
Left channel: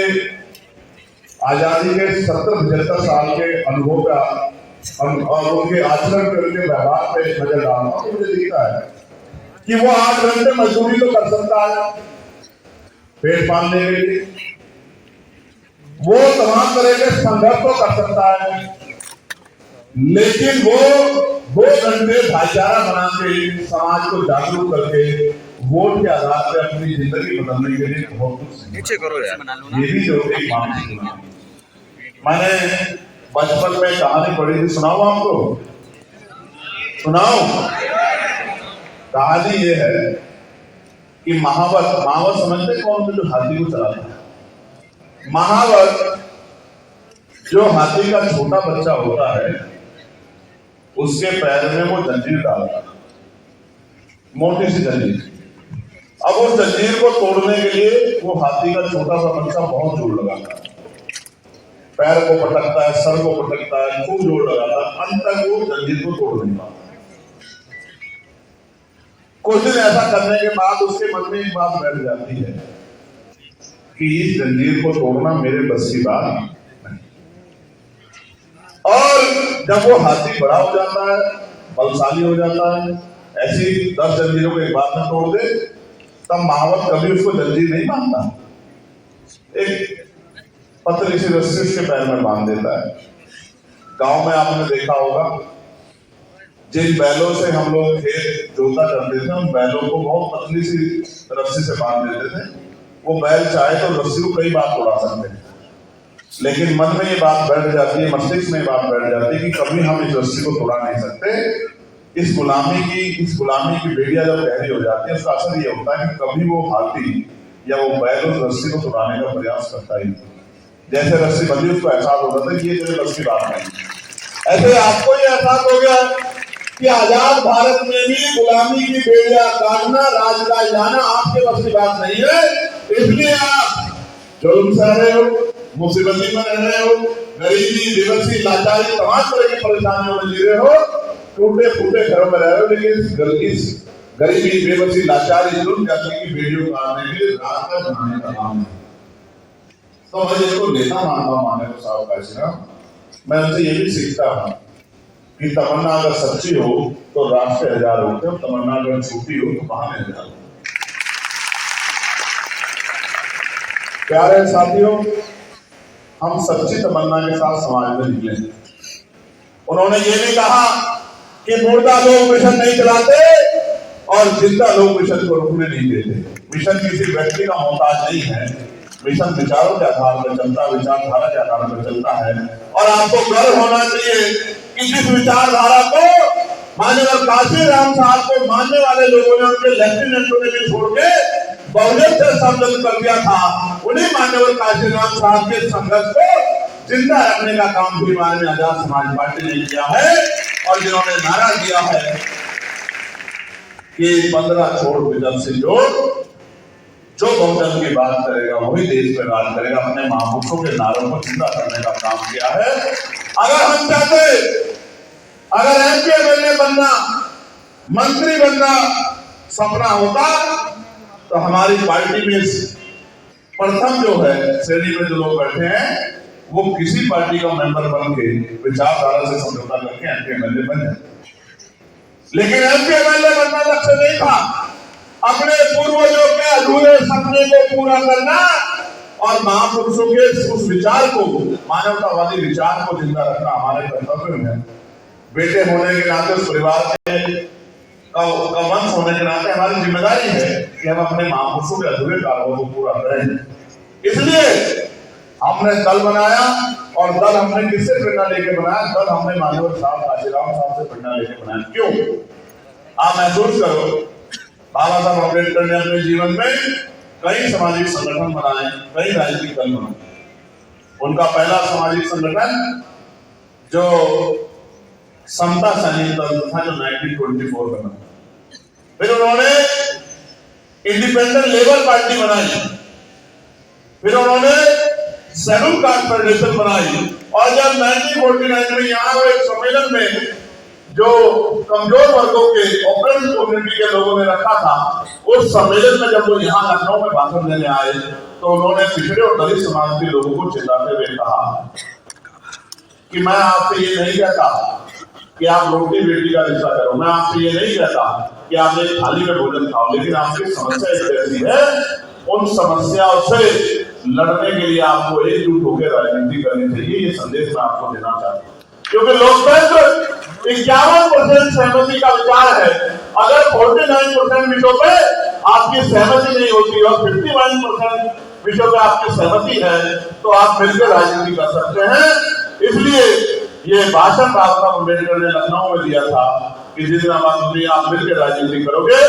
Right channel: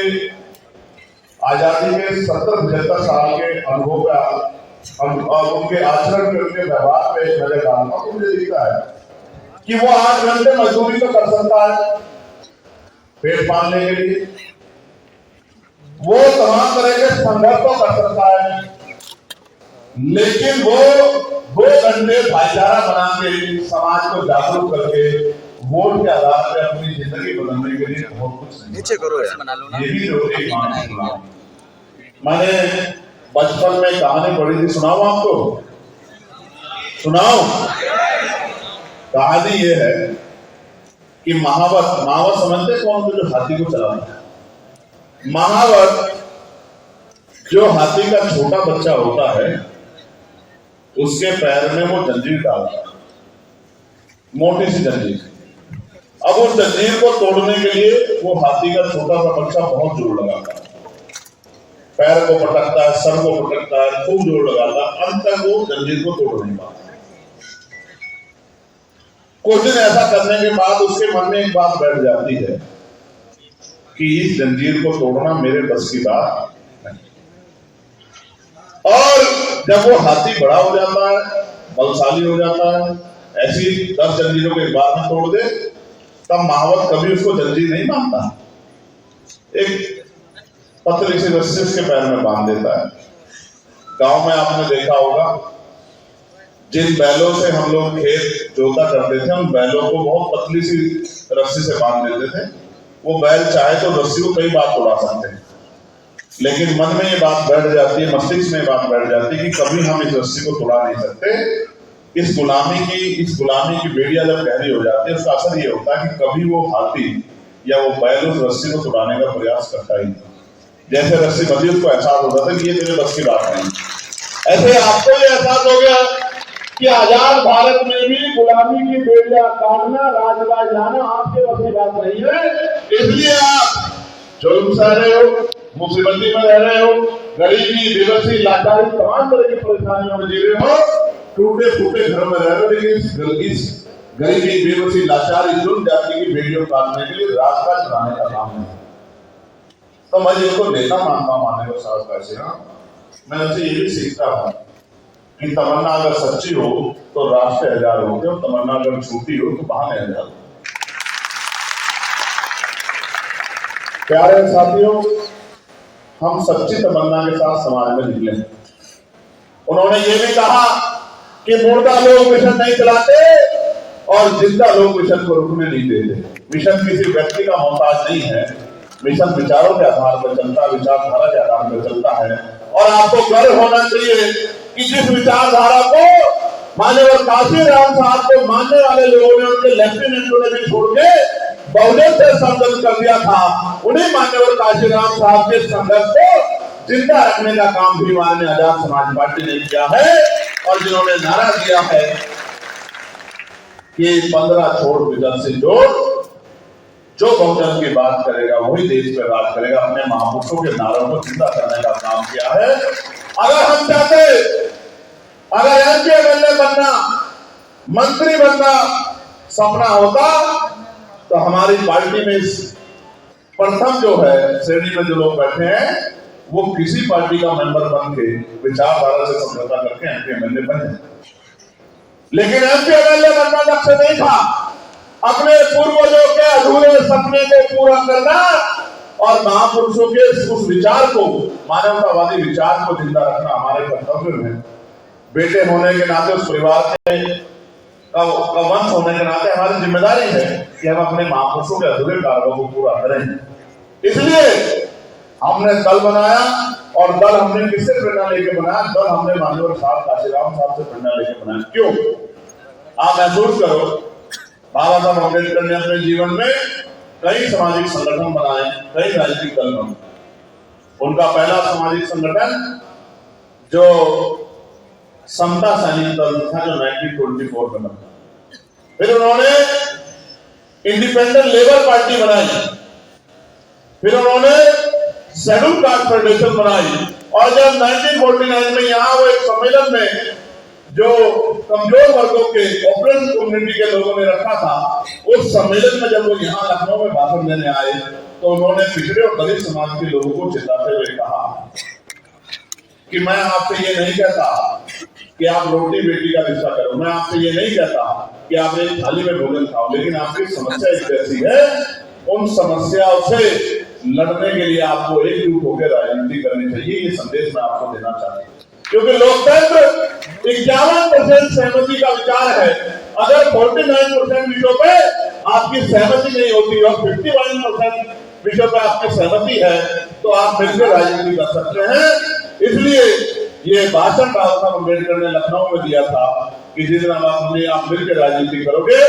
आजादी के 70-75 साल के अनुभव का और उनके आचरण पे, उनके व्यवहार पे नजर डालता हूं, मुझे दिखता है कि वो 8 घंटे मजदूरी तो कर सकता है पेट पालने के लिए, वो तमाम तरह के संघर्ष तो कर सकता है, लेकिन वो 2 घंटे भाईचारा बना के समाज को जागरूक करके वोट के आधार पर अपनी जिंदगी बदलने के लिए बहुत कुछ नीचे करो यार। ये भी जो एक मानसिक गुलाम। मैंने बचपन में कहानी पढ़ी थी, सुनाऊं आपको? सुनाओ। कहानी ये है कि महावत समझते कौन थे जो हाथी को चलाता है? महावत जो हाथी का छोटा बच्चा होता है उसके पैर में वो जंजीर डालता है, मोटी सी जंजीर। अब उस जंजीर को तोड़ने के लिए वो हाथी का छोटा सा बच्चा बहुत जोर लगाता है, पैर को पटकता है, सर को पटकता है, खूब जोर लगाता है, अंत तक वो जंजीर को तोड़ नहीं पाता। कुछ दिन ऐसा करने के बाद उसके मन में एक बात बैठ जाती है कि इस जंजीर को तोड़ना मेरे बस की बात नहीं। और जब वो हाथी बड़ा हो जाता है, बलशाली हो जाता है, ऐसी 10 जंजीरों को एक बार में तोड़ दे, तब महावत कभी उसको जंजीर नहीं बांधता, एक पतली सी रस्सी उसके पैर में बांध देता है। गांव में आपने देखा होगा जिन बैलों से हम लोग खेत जोता करते थे, उन बैलों को बहुत पतली सी रस्सी से बांध देते थे। वो बैल चाहे तो रस्सी को कई बार तोड़ा सकते हैं, लेकिन मन में ये बात बैठ जाती है, मस्तिष्क में ये बात बैठ जाती है कि कभी हम इस रस्सी को तोड़ा नहीं सकते। इस गुलामी की बेड़िया जब गहरी हो जाती है, उसका असर ये होता है कि कभी वो हाथी या वो बैल उस रस्सी को तोड़ाने का प्रयास करता ही नहीं। जैसे रस्सी बंधी उसको एहसास होता था कि ये तेरे बस की बात नहीं। ऐसे आपको ये एहसास हो गया कि आजाद भारत में भी गुलामी की बेड़िया काटना, राजराज जाना आपके बस की बात नहीं है। इसलिए आप जुल्म सह रहे हो, मुसीबती में रह रहे हो, गरीबी, बेबसी, लाचारी, तमाम तरह की परेशानियों में जी रहे हो, टूटे फूटे घरों में रह रहे हो, लेकिन इस गरीबी, बेबसी, लाचारी, जुल्म जाति की बेड़ियों काटने के लिए रास्ता बनाने का काम नहीं। तो मैं जिनको नेता मानता हूं, माने को साहब कैसे, मैं उनसे ये भी सीखता हूं कि तमन्ना अगर सच्ची हो तो रास्ते 1000 होते, और तमन्ना अगर झूठी हो तो बहाने 1000 होते। प्यारे साथियों, हम सच्ची तमन्ना के साथ समाज में निकले। उन्होंने ये भी कहा कि मुर्दा लोग मिशन नहीं चलाते और जिंदा लोग मिशन को रुकने नहीं देते। मिशन किसी व्यक्ति का मोहताज नहीं है, मिशन विचारों के आधार पर चलता है, विचारधारा के आधार पर चलता है। और आपको गर्व होना चाहिए कि जिस विचारधारा को माननीय काशीराम साहब को मानने वाले लोगों ने, उनके लेफ्टिनेंटों ने भी छोड़ के बहुजन से संबंध कर दिया था, उन्हीं माननीय काशीराम साहब के संघर्ष को जिंदा रखने का काम भी माननीय आजाद समाज पार्टी ने किया है। और जिन्होंने नारा दिया है कि 15 छोड़ विजन से जोड़, जो बहुजन की बात करेगा वही देश पर राज करेगा, अपने महापुरुषों के नारों को जिंदा करने का काम किया है। अगर हम चाहते, अगर एमपी एमएलए बनना, मंत्री बनना सपना होता तो हमारी पार्टी में प्रथम जो है श्रेणी में जो लोग बैठे हैं वो किसी पार्टी का मेंबर बन के विचारधारा से समझौता करके एमपी एमएलए बन जाए। लेकिन एमपी एमएलए बनना लक्ष्य नहीं था, अपने पूर्वजों के अधूरे सपने को पूरा करना और महापुरुषों के उस विचार को, मानवतावादी विचार को जिंदा रखना हमारे कर्तव्य में। बेटे होने के नाते उस परिवार के का वंश होने के नाते हमारी जिम्मेदारी है कि हम अपने महापुरुषों के अधूरे कार्यों को पूरा करें। इसलिए हमने दल बनाया, और दल हमने किससे प्रेरणा लेके बनाया? दल हमने माननीय साहब काशीराम साहब से प्रेरणा लेके बनाया। क्यों? आप महसूस करो, बाबा साहब अम्बेडकर ने अपने जीवन में कई सामाजिक संगठन बनाए, कई राजनीतिक दल बनाए। उनका पहला सामाजिक संगठन जो समता सैनिक दल था, जो 1924 में बना। फिर उन्होंने इंडिपेंडेंट लेबर पार्टी बनाई, फिर उन्होंने शेड्यूल कास्ट फेडरेशन बनाई, और जब 1949 में यहाँ हुए सम्मेलन में जो कमजोर वर्गों के ऑपरेशन कम्युनिटी के लोगों ने रखा था, उस सम्मेलन में जब वो यहाँ लखनऊ में भाषण देने आए तो उन्होंने पिछड़े और दलित समाज के लोगों को चिल्लाते हुए कहा कि मैं आपसे ये नहीं कहता कि आप रोटी बेटी का रिश्ता करो, मैं आपसे ये नहीं कहता कि आप एक थाली में भोजन खाओ, लेकिन आपकी समस्या एक ऐसी है, उन समस्याओं से लड़ने के लिए आपको एकजुट होकर राजनीति करनी चाहिए। ये संदेश मैं आपको देना चाहता हूँ, क्योंकि लोकतंत्र 51% सहमति का विचार है। अगर 49% विषयों पे आपकी सहमति नहीं होती और 51% विषयों पे आपकी सहमति है, तो आप मिलकर राजनीति कर सकते हैं। इसलिए ये भाषण बाबा साहब अम्बेडकर ने लखनऊ में दिया था कि जिस दिन आप मिलकर राजनीति करोगे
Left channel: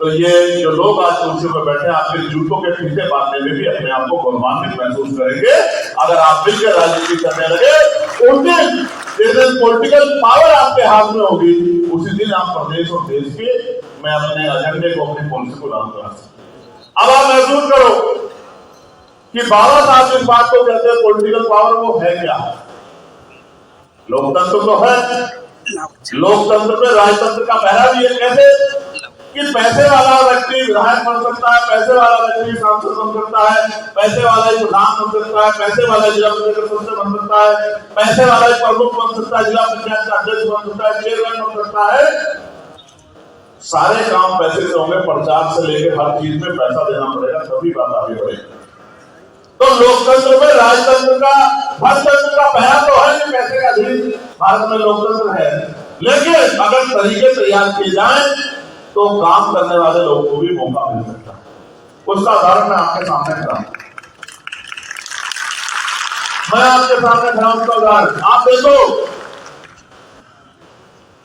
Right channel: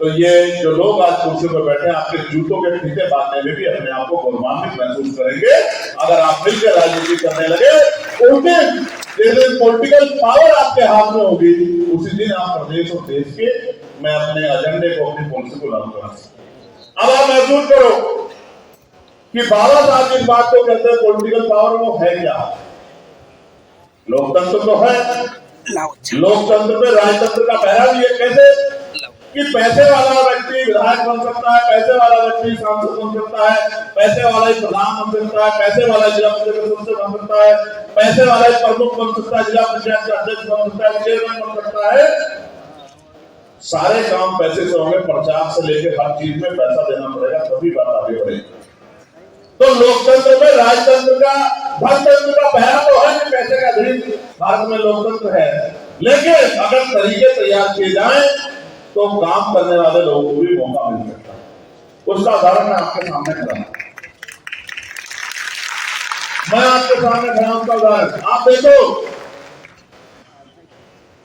तो ये जो लोग आज कुर्सियों पर बैठे हैं, आपके जूतों के फीते बांधने में भी अपने आप को गौरवान्वित महसूस करेंगे। अगर आप मिलकर राजनीति करने लगे, उस दिन जिस दिन पॉलिटिकल पावर आपके हाथ में होगी, उसी दिन आप प्रदेश और देश के मैं अपने एजेंडे को, अपनी पॉलिसी को लागू करा सकते। अब आप महसूस करो कि बाबा साहब जिस बात को कहते हैं पॉलिटिकल पावर, वो है क्या? लोकतंत्र तो है, लोकतंत्र में राजतंत्र का पहरा भी है। कैसे कि पैसे वाला व्यक्ति विधायक बन सकता है, पैसे वाला व्यक्ति सांसद बन सकता है, पैसे वाला ही प्रधान बन सकता है, पैसे वाला जिला पंचायत सदस्य बन सकता है, पैसे वाला ही प्रमुख बन सकता है, जिला पंचायत का अध्यक्ष बन सकता है, चेयरमैन बन सकता है। सारे काम पैसे से होंगे, प्रचार से लेकर हर चीज में पैसा देना पड़ेगा, तभी बात आगे बढ़ेगी। तो लोकतंत्र में राजतंत्र का, धनतंत्र का पहरा तो है कि पैसे का धीर भारत में लोकतंत्र है, लेकिन अगर तरीके तैयार किए जाए तो काम करने वाले लोगों को भी मौका मिल सकता है। उसका उदाहरण मैं आपके सामने खड़ा हूं, मैं आपके सामने खड़ा हूं। उसका उदाहरण आप देखो,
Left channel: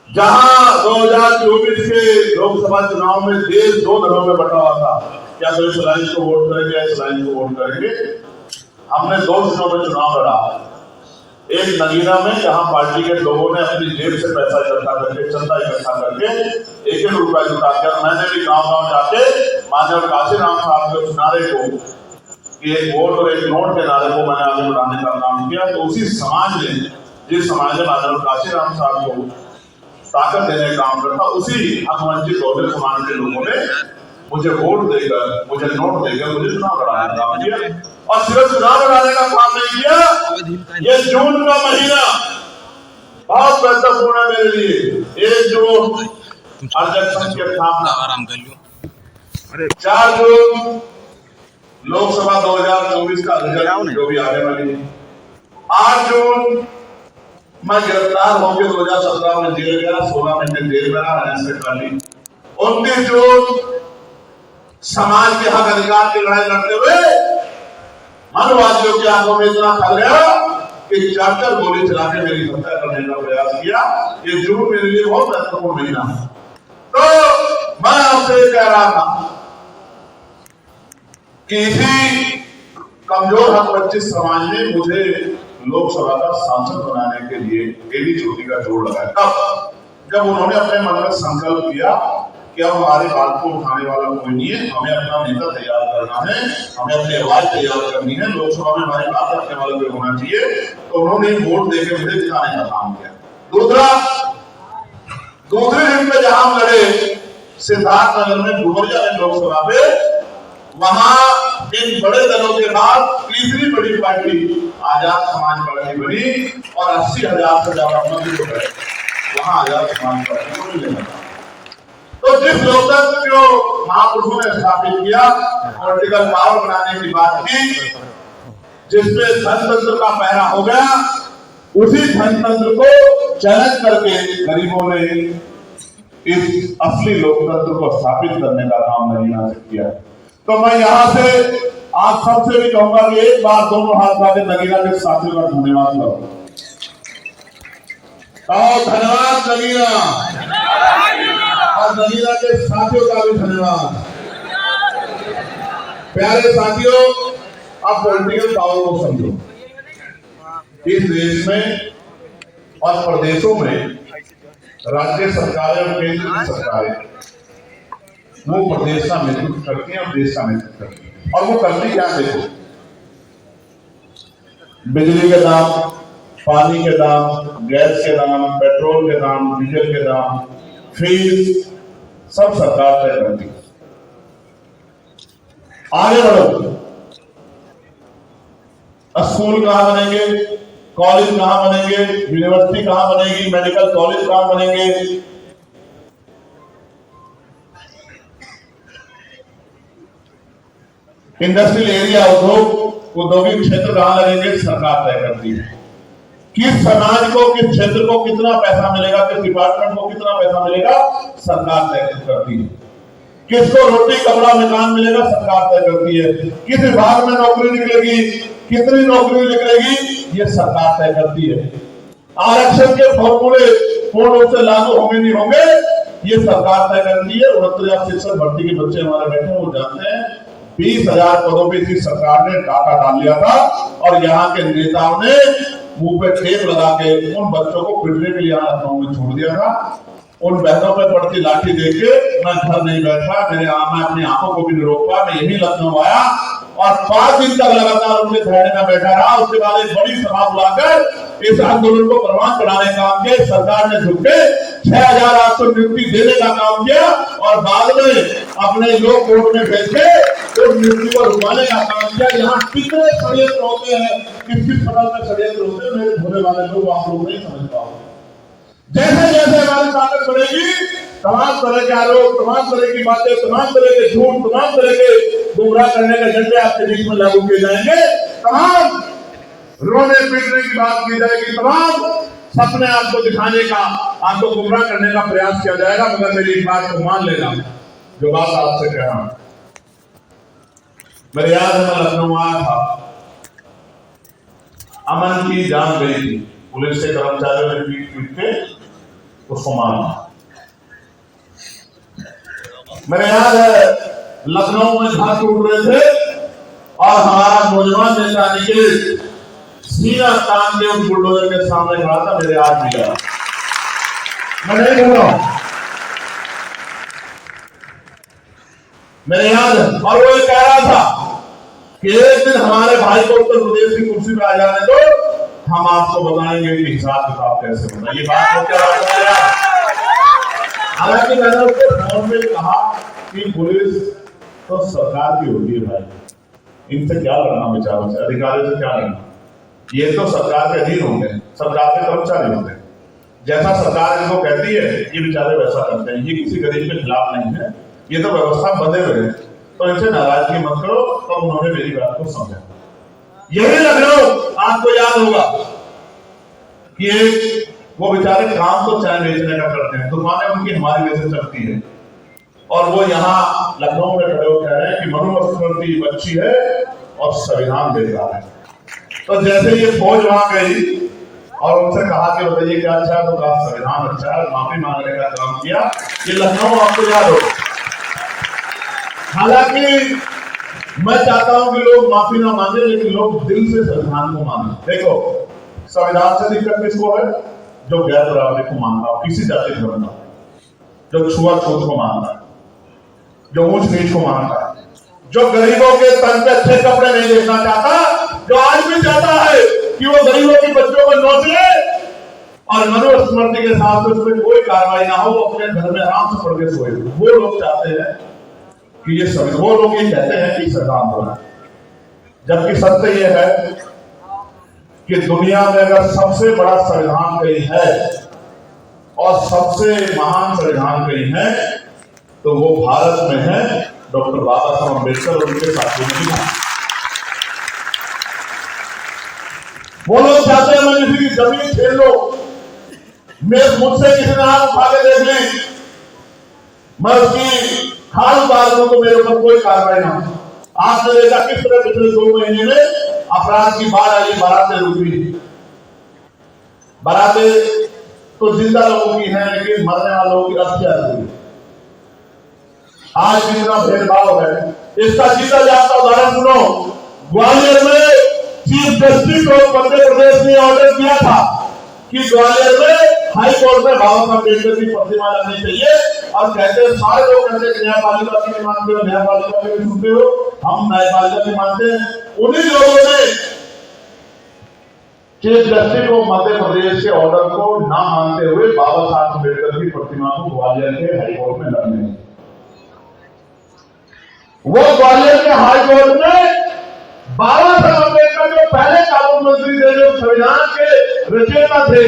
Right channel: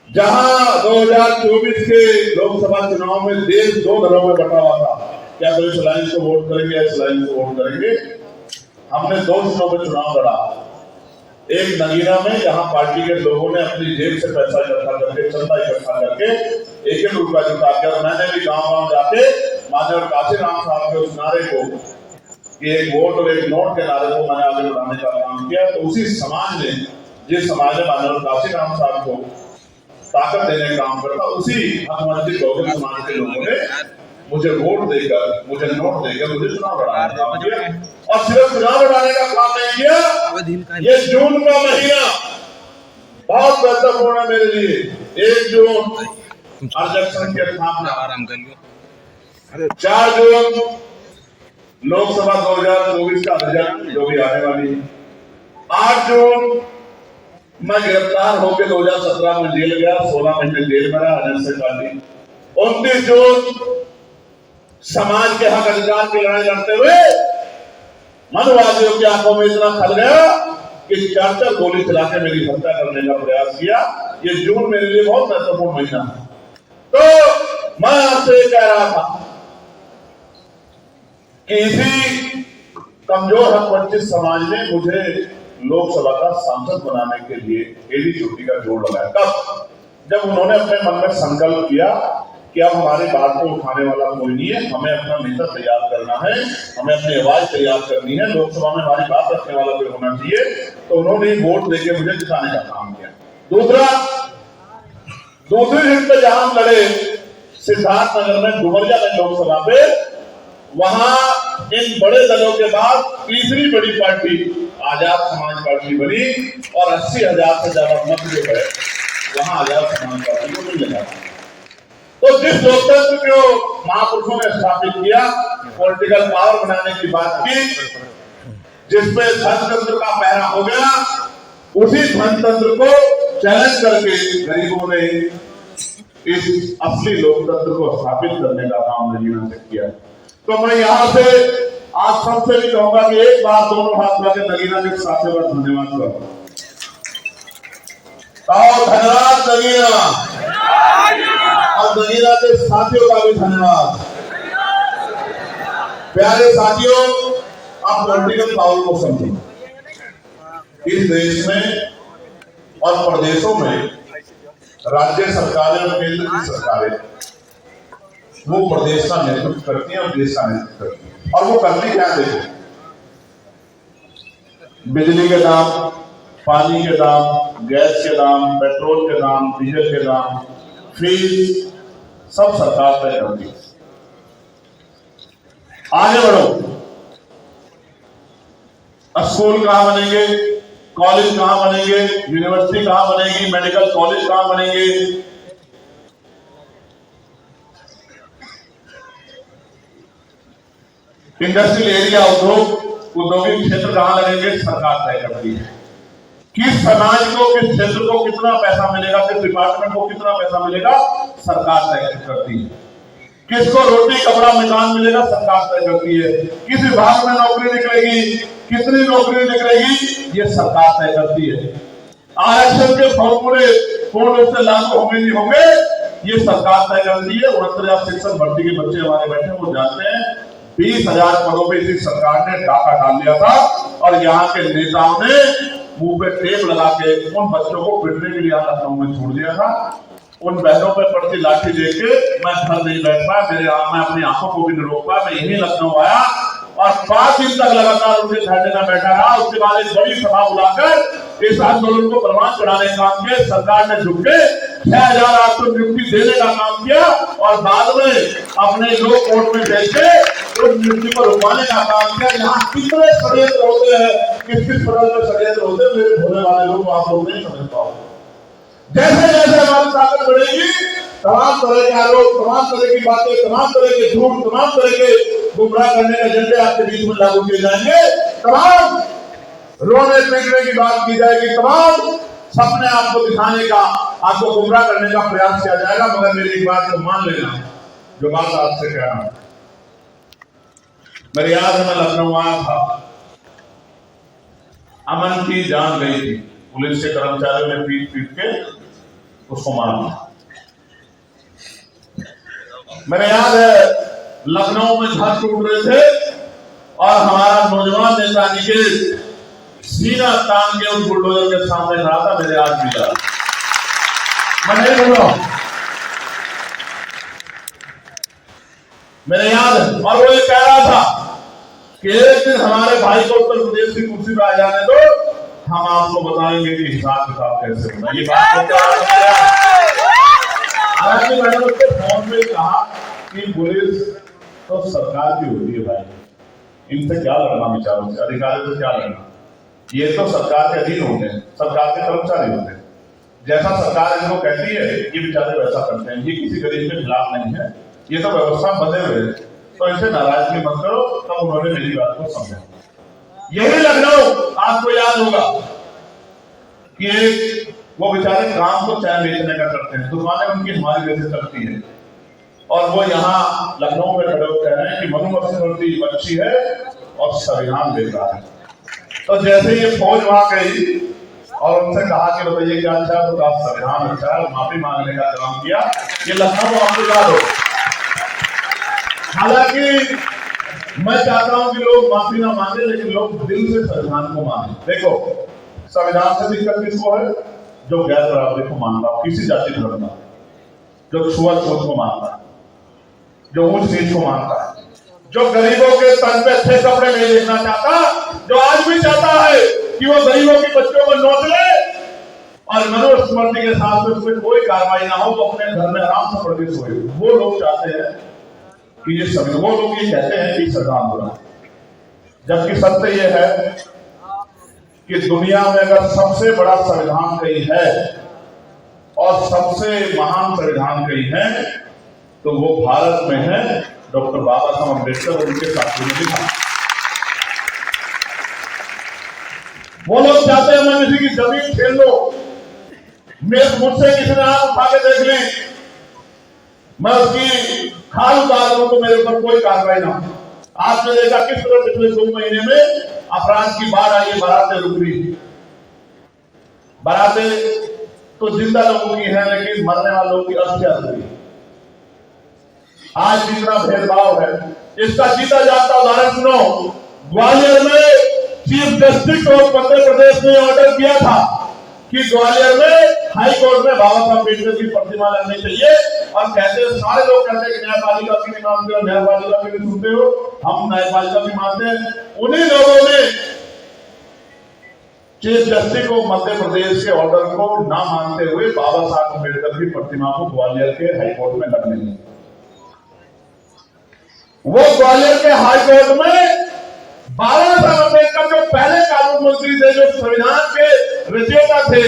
जहां 2024 के लोकसभा चुनाव में देश 2 दलों में बटा हुआ था, क्या तो इस लाइन को वोट करेंगे या इस लाइन को वोट करेंगे, हमने 2 जिलों में चुनाव लड़ा। एक नगीना में, जहां पार्टी के लोगों ने अपनी जेब से पैसा इकट्ठा करके, चंदा इकट्ठा करके 1-1 रुपया जुटा के, मैंने भी गांव-गांव जाके माननीय काशीराम साहब के उस नारे को, कि एक वोट और एक नोट के नारे को मैंने आगे बढ़ाने का काम किया। तो उसी समाज ने, जिस समाज ने माननीय काशीराम साहब को ताकत देने का काम करता, उसी हकवंचित बहुजन समाज के लोगों ने मुझे वोट देकर, मुझे नोट देकर मुझे चुनाव लड़ाने का काम किया। और सिर्फ चुनाव लड़ाने का काम नहीं किया, ये जून का महीना बहुत महत्वपूर्ण है मेरे लिए। 1 जून अध्यक्ष संघ की स्थापना, 4 जून लोकसभा 2024 का रिजल्ट जो भी आने वाली है, 8 जून मैं गिरफ्तार होकर 2017 में जेल गया, 16 महीने जेल में रहा, ऐसे काटी। 29 जून समाज के हक अधिकार की लड़ाई लड़ते हुए मनुवादियों की आंखों में इतना खल गया कि 4 गोली चला के मेरी हत्या करने का प्रयास किया। ये जून मेरे लिए बहुत महत्वपूर्ण महीना है। तो मैं आपसे कह रहा था कि इसी कमजोर हक वंचित समाज ने मुझे लोकसभा का सांसद बनाने के लिए एडी चोटी का जोड़ लगाया। तब जब उन्होंने अपने मन में संकल्प किया कि अब हमारी बात को उठाने वाला कोई नहीं है, हमें अपना नेता तैयार करना है, हमें अपनी आवाज तैयार करनी है, लोकसभा में हमारी बात रखने वाला कोई होना चाहिए, तो उन्होंने वोट देकर मुझे जिताने का काम किया। दूसरी दिन पे जहां हम लड़े सिद्धार्थनगर में, डुमरिया में लोकसभा पे, वहां इन बड़े दलों के बाद तीसरी बड़ी पार्टी आजाद समाज पार्टी बनी और 80,000 से ज्यादा मत जो है वहां आजाद समाज पार्टी को मिल गया। तो जिस लोकतंत्र को महापुरुषों ने स्थापित किया, पॉलिटिकल पावर बनाने की बात की, जिसपे धनतंत्र का पहरा हो गया, उसी धनतंत्र को चैलेंज करके गरीबों ने इस असली लोकतंत्र को स्थापित करने का काम नगीना से किया। तो मैं यहां से आज सबसे भी कहूंगा कि एक बार दोनों हाथ लाके नगीना के साथियों का धन्यवाद करो। धन्यवाद नगीना, और नगीना के साथियों का भी धन्यवाद। प्यारे साथियों, आप पॉलिटिकल पावर को समझो। इस देश में और प्रदेशों में राज्य सरकारें और केंद्र की सरकारें वो प्रदेश का नेतृत्व करती हैं और देश का नेतृत्व करती हैं। और वो करती क्या? देखो, बिजली के दाम, पानी के दाम, गैस के दाम, पेट्रोल के दाम, डीजल के दाम, फीस सब सरकार तय करती है। आगे बढ़ो, स्कूल कहां बनेंगे, कॉलेज कहां बनेंगे, यूनिवर्सिटी कहां बनेगी, मेडिकल कॉलेज कहां बनेंगे, इंडस्ट्रियल एरिया, औद्योगिक क्षेत्र कहां लगेंगे, सरकार तय करती है। किस समाज को, किस क्षेत्र को कितना पैसा मिलेगा, किस डिपार्टमेंट को कितना पैसा मिलेगा, सरकार तय करती है। किसको रोटी कपड़ा मकान मिलेगा, सरकार तय करती है। किस विभाग में नौकरी निकलेगी, कितनी नौकरी निकलेगी, ये सरकार तय करती है। आरक्षण के फॉर्मूले पूर्ण रूप से लागू होंगे नहीं होंगे, ये सरकार तय करती है। 69,000 शिक्षक भर्ती के बच्चे हमारे बैठे, वो जानते हैं 20,000 पदों पे इसी सरकार ने डाका डाल लिया था, और यहाँ के नेताओं ने मुंह पे टेप लगा के उन बच्चों को पिटने के लिए लखनऊ में छोड़ दिया था। उन बहनों पे पड़ती लाठी देख के मैं घर नहीं बैठ पाया, मैं अपनी आंखों को भी नहीं रोक पाया। मैं यही लखनऊ आया और 5 दिन तक लगातार उनके धरने में बैठा रहा। उसके बाद एक बड़ी सभा बुलाकर इस आंदोलन को प्रमाण चढ़ाने का काम किया। सरकार ने झुक के 6,000 को नियुक्ति देने का काम किया, और बाद में अपने लोग कोर्ट में भेज के उस नियुक्ति को रुकवाने का काम किया। यहाँ कितने षड्यंत्र होते हैं, किस किस प्रकार के षड्यंत्र होते हैं, मेरे भोले वाले लोग आप लोग नहीं समझ पाओगे। जैसे जैसे हमारी ताकत बढ़ेगी, तमाम तरह के आरोप, तमाम तरह की बातें, तमाम तरह के झूठ, तमाम तरह के गुमराह करने के एजेंडे आपके बीच में लागू किए जाएंगे। तमाम रोने पीटने की बात की जाएगी, तमाम सपने आपको दिखाने का, आपको गुमराह करने का प्रयास किया जाएगा। मगर मेरी एक बात को मान लेना, जो बात आपसे कह रहा हूं। मेरे याद है, मैं लखनऊ आया था, अमन की जान गई थी, पुलिस के कर्मचारियों ने पीट पीट के उसको मारा। मेरे याद है, लखनऊ में घर टूट रहे थे और हमारा नौजवान नेता निकेश सीना तान के उस बुलडोजर के सामने खड़ा था। मेरे आज भी याद, मैं नहीं बोल रहा हूं, मेरे याद है। और वो ये कह रहा था कि एक दिन हमारे भाई को उत्तर प्रदेश की कुर्सी पर आ जाने दो, हम आपको बताएंगे कि हिसाब किताब कैसे होना। ये बात हालांकि मैंने उसको फोन में कहा कि पुलिस तो सरकार की होती है भाई, इनसे क्या लड़ना, विचारों से, अधिकारियों से क्या लड़ना। ये तो सरकार के अधीन होते हैं, सरकार के कर्मचारी होते हैं। जैसा सरकार इनको कहती है, ये बेचारे वैसा करते हैं। ये किसी गरीब के खिलाफ नहीं है, ये तो व्यवस्था बंधे हुए हैं। तो इनसे नाराजगी मत करो। तब उन्होंने मेरी बात को समझा। यही लखनऊ आपको याद होगा कि एक वो बेचारे काम तो चाय बेचने का करते हैं, दुकानें उनकी हमारी वजह से चलती है, और वो यहाँ लखनऊ में खड़े होकर कह रहे हैं कि मनुस्मृति अच्छी है और संविधान बेकार है। तो जैसे ये फौज वहां गई और उनसे कहा कि बताइए क्या अच्छा है, तो कहा संविधान अच्छा है, माफी मांगने का काम किया। ये लखनऊ आपको याद हो। हालांकि मैं चाहता हूं कि लोग माफी ना मांगे, लेकिन लोग दिल से संविधान को माने। देखो, संविधान से दिक्कत किसको है? जो गैर बराबरी को मानता हो, किसी जाति धर्म का, जो छुआछूत को मानता है, जो ऊंच नीच को मानता है, जो गरीबों के तन पे अच्छे कपड़े नहीं देखना चाहता, जो आज भी चाहता है कि वो गरीबों के बच्चों को नोच ले और मनुस्मृति के साथ में उसमें कोई कार्रवाई ना हो, वो अपने घर में आराम से पढ़ के सोए। वो लोग चाहते हैं कि ये संविधान, वो लोग ये कहते हैं कि संविधान बना। जबकि सत्य ये है कि दुनिया में अगर सबसे बड़ा संविधान कहीं है और सबसे महान संविधान कहीं है, तो वो भारत में है। डॉक्टर बाबा साहब अम्बेडकर और उनके साथियों ने लिखा। वो लोग चाहते हैं मैं किसी की जमीन छीन लो, मुझसे किसी ने आग उठा के देख ली, मैं उसकी खाल उतार दूं तो मेरे ऊपर कोई कार्रवाई ना हो। आपने देखा किस तरह पिछले 2 महीने में अपराध की बाढ़ आई, बारातें रुकी। बारातें तो जिंदा लोगों की हैं, लेकिन मरने वालों की हत्या हुई। आज जितना भेदभाव है, इसका जीता जाता उदाहरण सुनो। ग्वालियर में चीफ जस्टिस को मध्य प्रदेश ने ऑर्डर किया था कि ग्वालियर में हाई कोर्ट में बाबा साहब अम्बेडकर की प्रतिमा लगनी चाहिए, और कहते सारे लोग कहते हैं न्यायपालिका की नहीं मानते हो, न्यायपालिका की नहीं सुनते हो, हम न्यायपालिका की मानते हैं। उन्हीं लोगों ने चीफ जस्टिस को मध्य प्रदेश के ऑर्डर को ना मानते हुए बाबा साहब अम्बेडकर की प्रतिमा को ग्वालियर के हाईकोर्ट में लगने दी। वो ग्वालियर के हाईकोर्ट में बाबा साहब अम्बेडकर जो पहले कानून मंत्री थे, जो संविधान के रचयिता थे,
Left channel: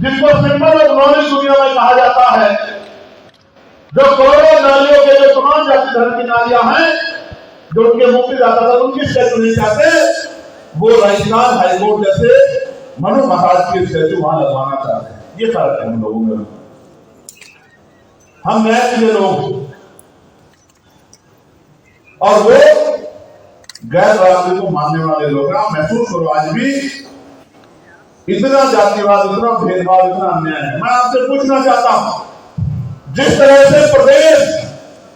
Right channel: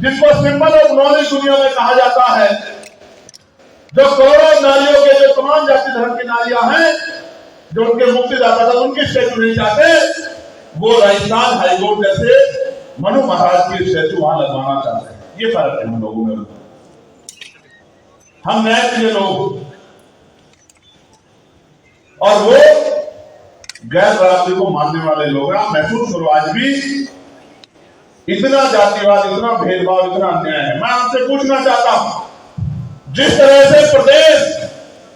जिनको सिंबल ऑफ नॉलेज दुनिया में कहा जाता है, जो करोड़ों नारियों के जो तमाम जाति धर्म की नारियां हैं, जो उनके मुक्तिदाता था, उनकी स्टैचू नहीं चाहते, वो राजस्थान हाईकोर्ट जैसे मनु महाराज की स्टैचू वहां लगवाना चाहते हैं। ये फर्क है हम लोगों में। हम न्याय के लोग, और वो गैर बराबरी को मानने वाले लोग। आप महसूस करो, आज भी इतना जातिवाद, इतना भेदभाव, इतना अन्याय है। मैं आपसे पूछना चाहता हूं, जिस तरह से प्रदेश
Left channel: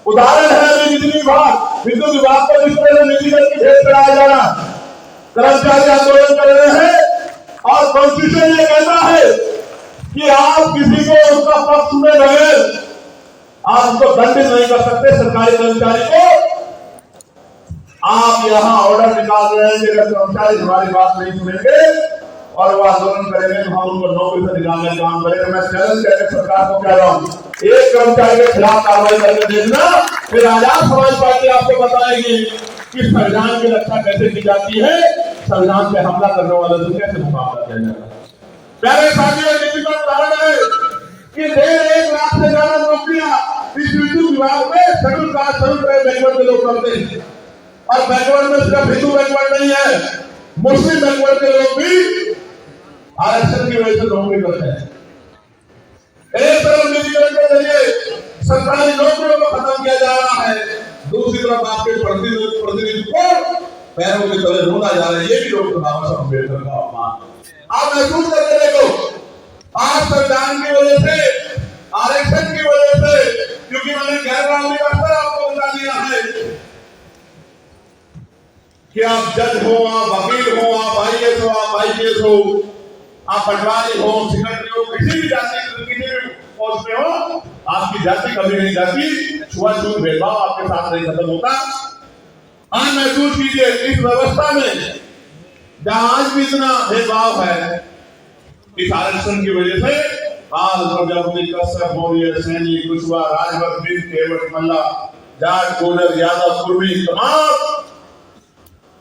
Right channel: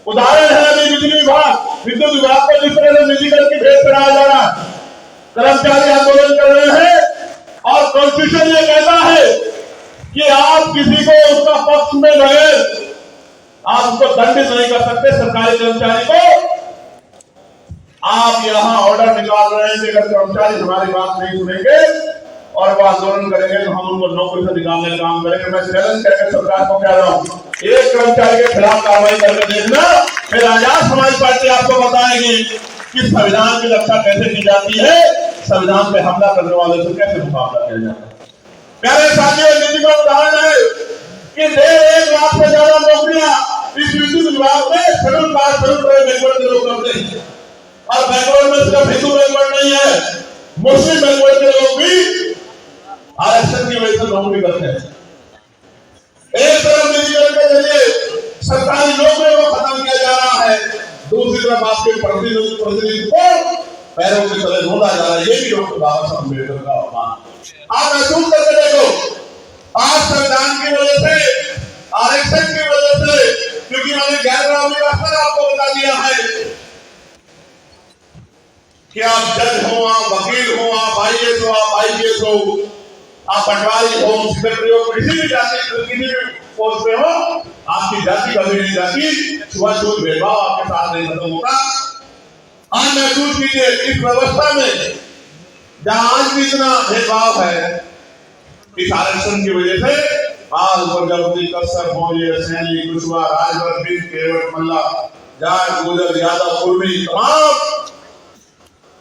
उदाहरण है अभी बिजली विभाग, विद्युत विभाग को जिस तरह से निजीकरण की भेद कराया जा रहा है, कर्मचारी आंदोलन कर रहे हैं, और कॉन्स्टिट्यूशन ये कहता है कि आप किसी को उसका पक्ष में रहे, आप उसको दंडित नहीं कर सकते। सरकारी कर्मचारी को आप यहां ऑर्डर निकाल रहे हैं कि अगर कर्मचारी हमारी बात नहीं सुनेंगे और वो आंदोलन करेंगे तो हम उनको नौकरी से निकालने का काम करेंगे। मैं चैलेंज करके सरकार को कह रहा हूं, एक कर्मचारी के खिलाफ कार्रवाई करके देखना, फिर आजाद समाज पार्टी आपको बताएगी कि संविधान की रक्षा कैसे की जाती है, संविधान पे हमला करने वालों से कैसे मुकाबला किया जाता है। प्यारे साथियों, विधिवत उदाहरण है कि 1.5 लाख से ज्यादा नौकरियां इस विद्युत विभाग में schedule caste, schedule tribe backward के लोग करते हैं, और बैकवर्ड में सिर्फ हिंदू बैकवर्ड नहीं है, मुस्लिम बैकवर्ड के लोग भी आरक्षण की वजह से नौकरी करते हैं। एक तरफ निजीकरण के जरिए सरकारी नौकरियों को खत्म किया जा रहा है, दूसरी तरफ आपके प्रतिनिधि को पैरों के तले ढूंढा जा रहा है। ये भी डॉक्टर बाबा साहब अम्बेडकर का अपमान। आप महसूस करके देखो, आज संविधान की वजह से, आरक्षण की वजह से, क्योंकि मैंने गैर कानूनी का स्तर आपको बता दिया है कि आप जज हो, आप वकील हो, आप IAS हो, आप IPS हो, आप पटवारी हो, सेक्रेटरी हो, किसी भी जाति, किसी भी पोस्ट पे हो, आपकी जाति कभी नहीं जाती, छुआछूत भेदभाव आपके साथ नहीं खत्म होता। आज महसूस कीजिए, इस व्यवस्था में जहां आज भी इतना भेदभाव है, इस आरक्षण की वजह से बाल प्रजापति, कश्यप, मौर्य, सैनी, कुशवाहा, राजभर, बिंद, केवट, मल्ला, जाट, गोजर, यादव, कुर्मी, तमाम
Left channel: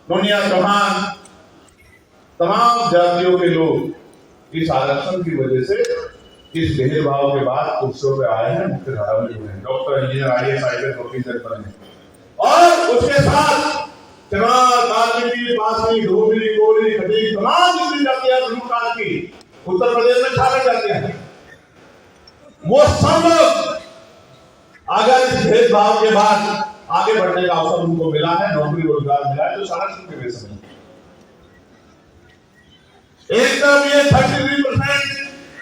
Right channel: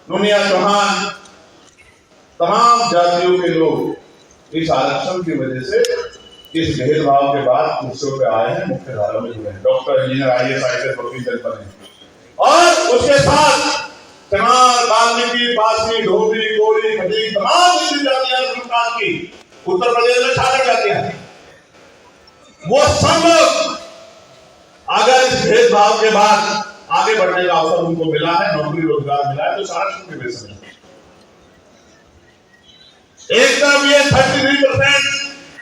दुनिया चौहान, तमाम जातियों के लोग इस आरक्षण की वजह से, इस भेदभाव के बाद कुर्सियों पे आए हैं, मुख्य धारा में जुड़े हैं, डॉक्टर, इंजीनियर, IAS, IPS, वकील बने। और उसके साथ चमार, वाल्मीकि, पासी, धोबी, कोली, खटीक, तमाम जातियां की उत्तर प्रदेश में छात्र जातियां हैं, वो सब अगर इस भेदभाव के बाद आगे बढ़ने का अवसर उनको मिला है, नौकरी रोजगार मिला है, तो सारा शुक्र के बेस में एक तरफ ये 33%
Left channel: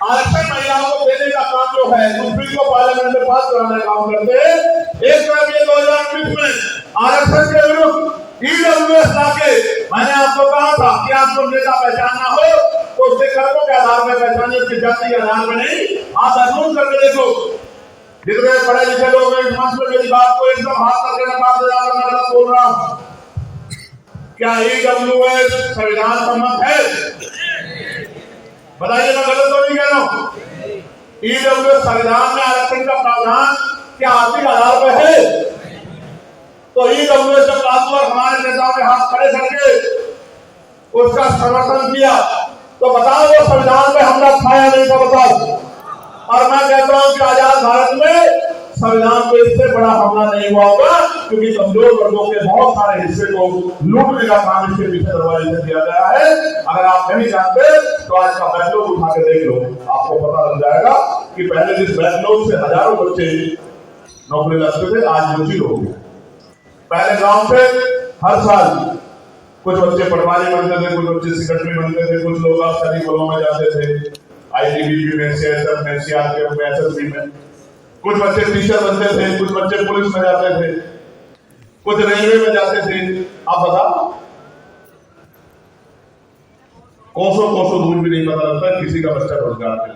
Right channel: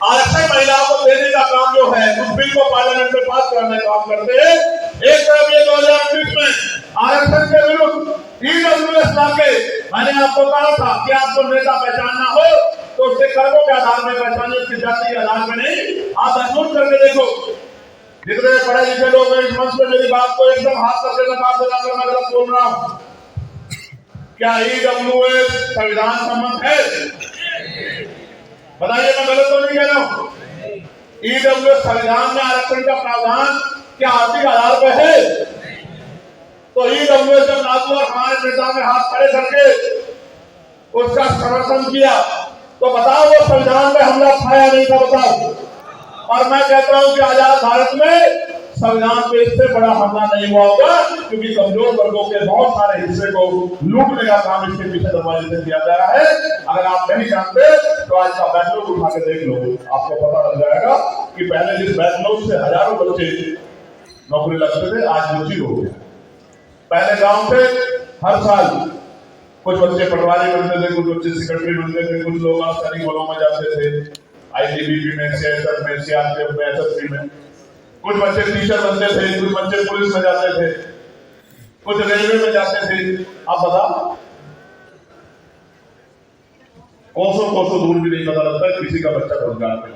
आरक्षण महिलाओं को देने का काम जो है, उस बिल को पार्लियामेंट में पास कराने का काम करते हैं। एक तरफ ये 2019 में आरक्षण के विरुद्ध EWS लाके, मैंने आपको कहा था कि आपको नेता पहचानना हो तो उसके कर्मों के आधार में पहचाने, उसकी जाति के आधार में नहीं। आप महसूस करके देखो, जितने पढ़े लिखे लोग इस मंच में मेरी बात को एकदम हाथ करके नकार देना अगर मैं गलत बोल रहा हूं। क्या EWS संविधान सम्मत है? बताइए, मैं गलत तो नहीं कह रहा हूं। EWS संविधान में आरक्षण का प्रावधान क्या आर्थिक आधार पर है? तो EWS जब लागू और हमारे नेताओं ने हाथ खड़े करके उसका समर्थन किया, तो बताओ वो संविधान में हमला खाया नहीं था, बताओ। और मैं कहता हूं कि आजाद भारत में संविधान पे इससे बड़ा हमला नहीं हुआ होगा, क्योंकि कमजोर वर्गों के बहुत सारे हिस्से को लूटने का काम इसके पीछे दरवाजे से किया गया है। अगर आप नहीं जानते तो आज का बैकलॉग उठा के देख लो, आपको पता लग जाएगा कि पहले जिस बैकलॉग से हजारों बच्चे नौकरी लगते थे, आज मुश्किल हो गया। पहले गांव से हर साल कुछ बच्चे पटवारी बनते थे, कुछ बच्चे सेक्रेटरी बनते थे, कुछ लोग सैनिक बलों में जाते थे, आईटीबीपी में, सीएसएफ में, सीआरपीएफ में, एसएसबी में, कुछ बच्चे टीचर बनते थे, कुछ बच्चे पुलिस में जाते थे, कुछ रेलवे में जाते थे। अब बताओ, कोसों कोसों दूर भी नहीं पता लगता किसी का बच्चा रोजगार पे।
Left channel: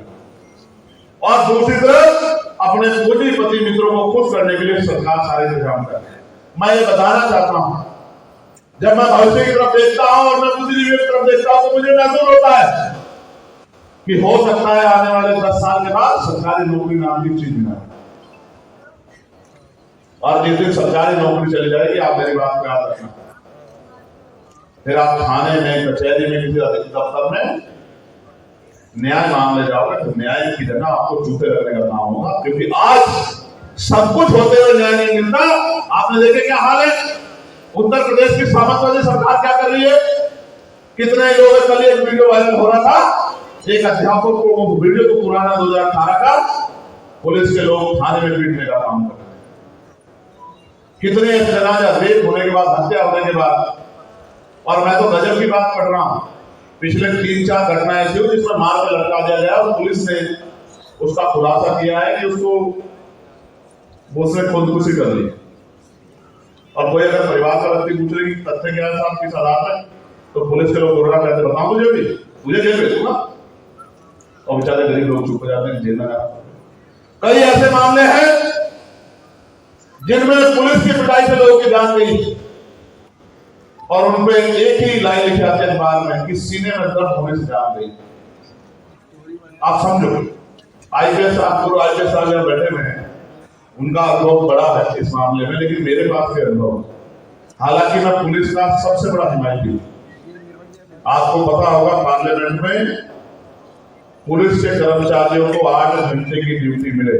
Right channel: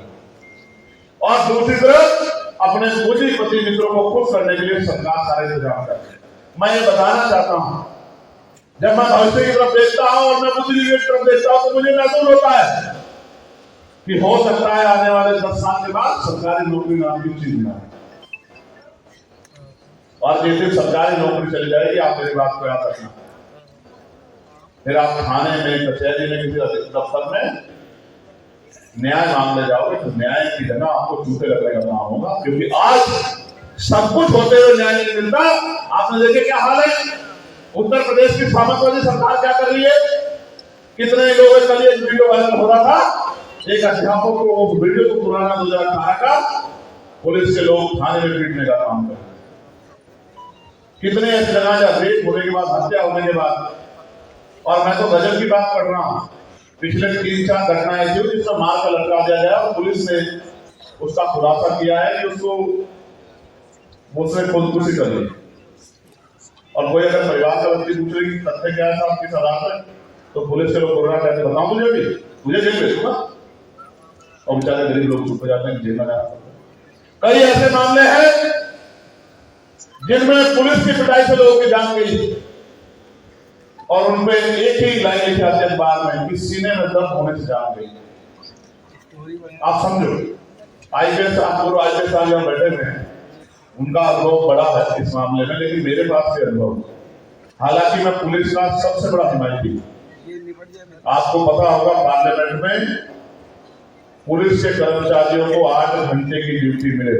और दूसरी तरफ अपने पूंजीपति मित्रों को खुश करने के लिए सरकार सारे इंतजाम कर रही है। मैं ये बताना चाहता हूं, जब मैं भविष्य की तरफ देखता हूं और मैं बुद्धिजीवी की तरफ देखता हूं तो मुझे महसूस होता है कि हो सकता है आने वाले 10 साल के बाद सरकारी नौकरी नाम की चीज ना, और जिस दिन सरकारी नौकरी चली जाएगी, आप मेरी बात को याद रखना, फिर आप थाने में, कचहरी में, किसी दफ्तर में न्याय मांगने जाओगे तो न्याय की जगह आपको जूते लगने का काम होगा, क्योंकि आज सब कुछ होते हुए न्याय नहीं मिलता। आपने देखे क्या हाल है उत्तर प्रदेश की सामाजिक सरकार क्या कर रही है। कितने लोग, कल एक वीडियो वायरल हो रहा था, एक अध्यापक को, वो वीडियो को पुराना 2018 का, पुलिस के लोग थाने में पीटने का काम कर रहे हैं। कितने जनाजा रेप होने के बाद, हत्या होने के बाद, और मैं तो गजब की बात पढ़ रहा हूं, पिछले 3-4 घटनाएं ऐसी हुई जिसमें मार कर लटका दिया गया और पुलिस ने उसका खुलासा किया है कि उसको उसने खुदकुशी कर ली। और कोई अगर परिवार का व्यक्ति पूछ रहे कि तथ्य क्या है, आपकी सलाह है, तो पुलिस के लोग कोरोना कहते बताओ मुझे भी, तुझे जेल भेजूंगा, और बेचारे गरीब लोग चुप हो जाते हैं, जेल में जाते। कई ऐसे मामले हैं जिनमें पुलिस की पिटाई से लोगों की जान गई और उनपे एक ही लाइन लिखी आती है अखबार में कि सीने में दर्द होने से जान गई। आप समझो, आईपीएस पूर्व आईपीएस साहब यहाँ बैठे हुए हैं, उनका अनुभव बड़ा है इस मामले में, लेकिन मेरे पास भी अनुभव, हालांकि मैं पुलिस का सबसे बड़ा हिमायती हूं। आपको पता होगा पार्लियामेंट में पुलिस के कर्मचारियों को 8 घंटे की ड्यूटी मिले,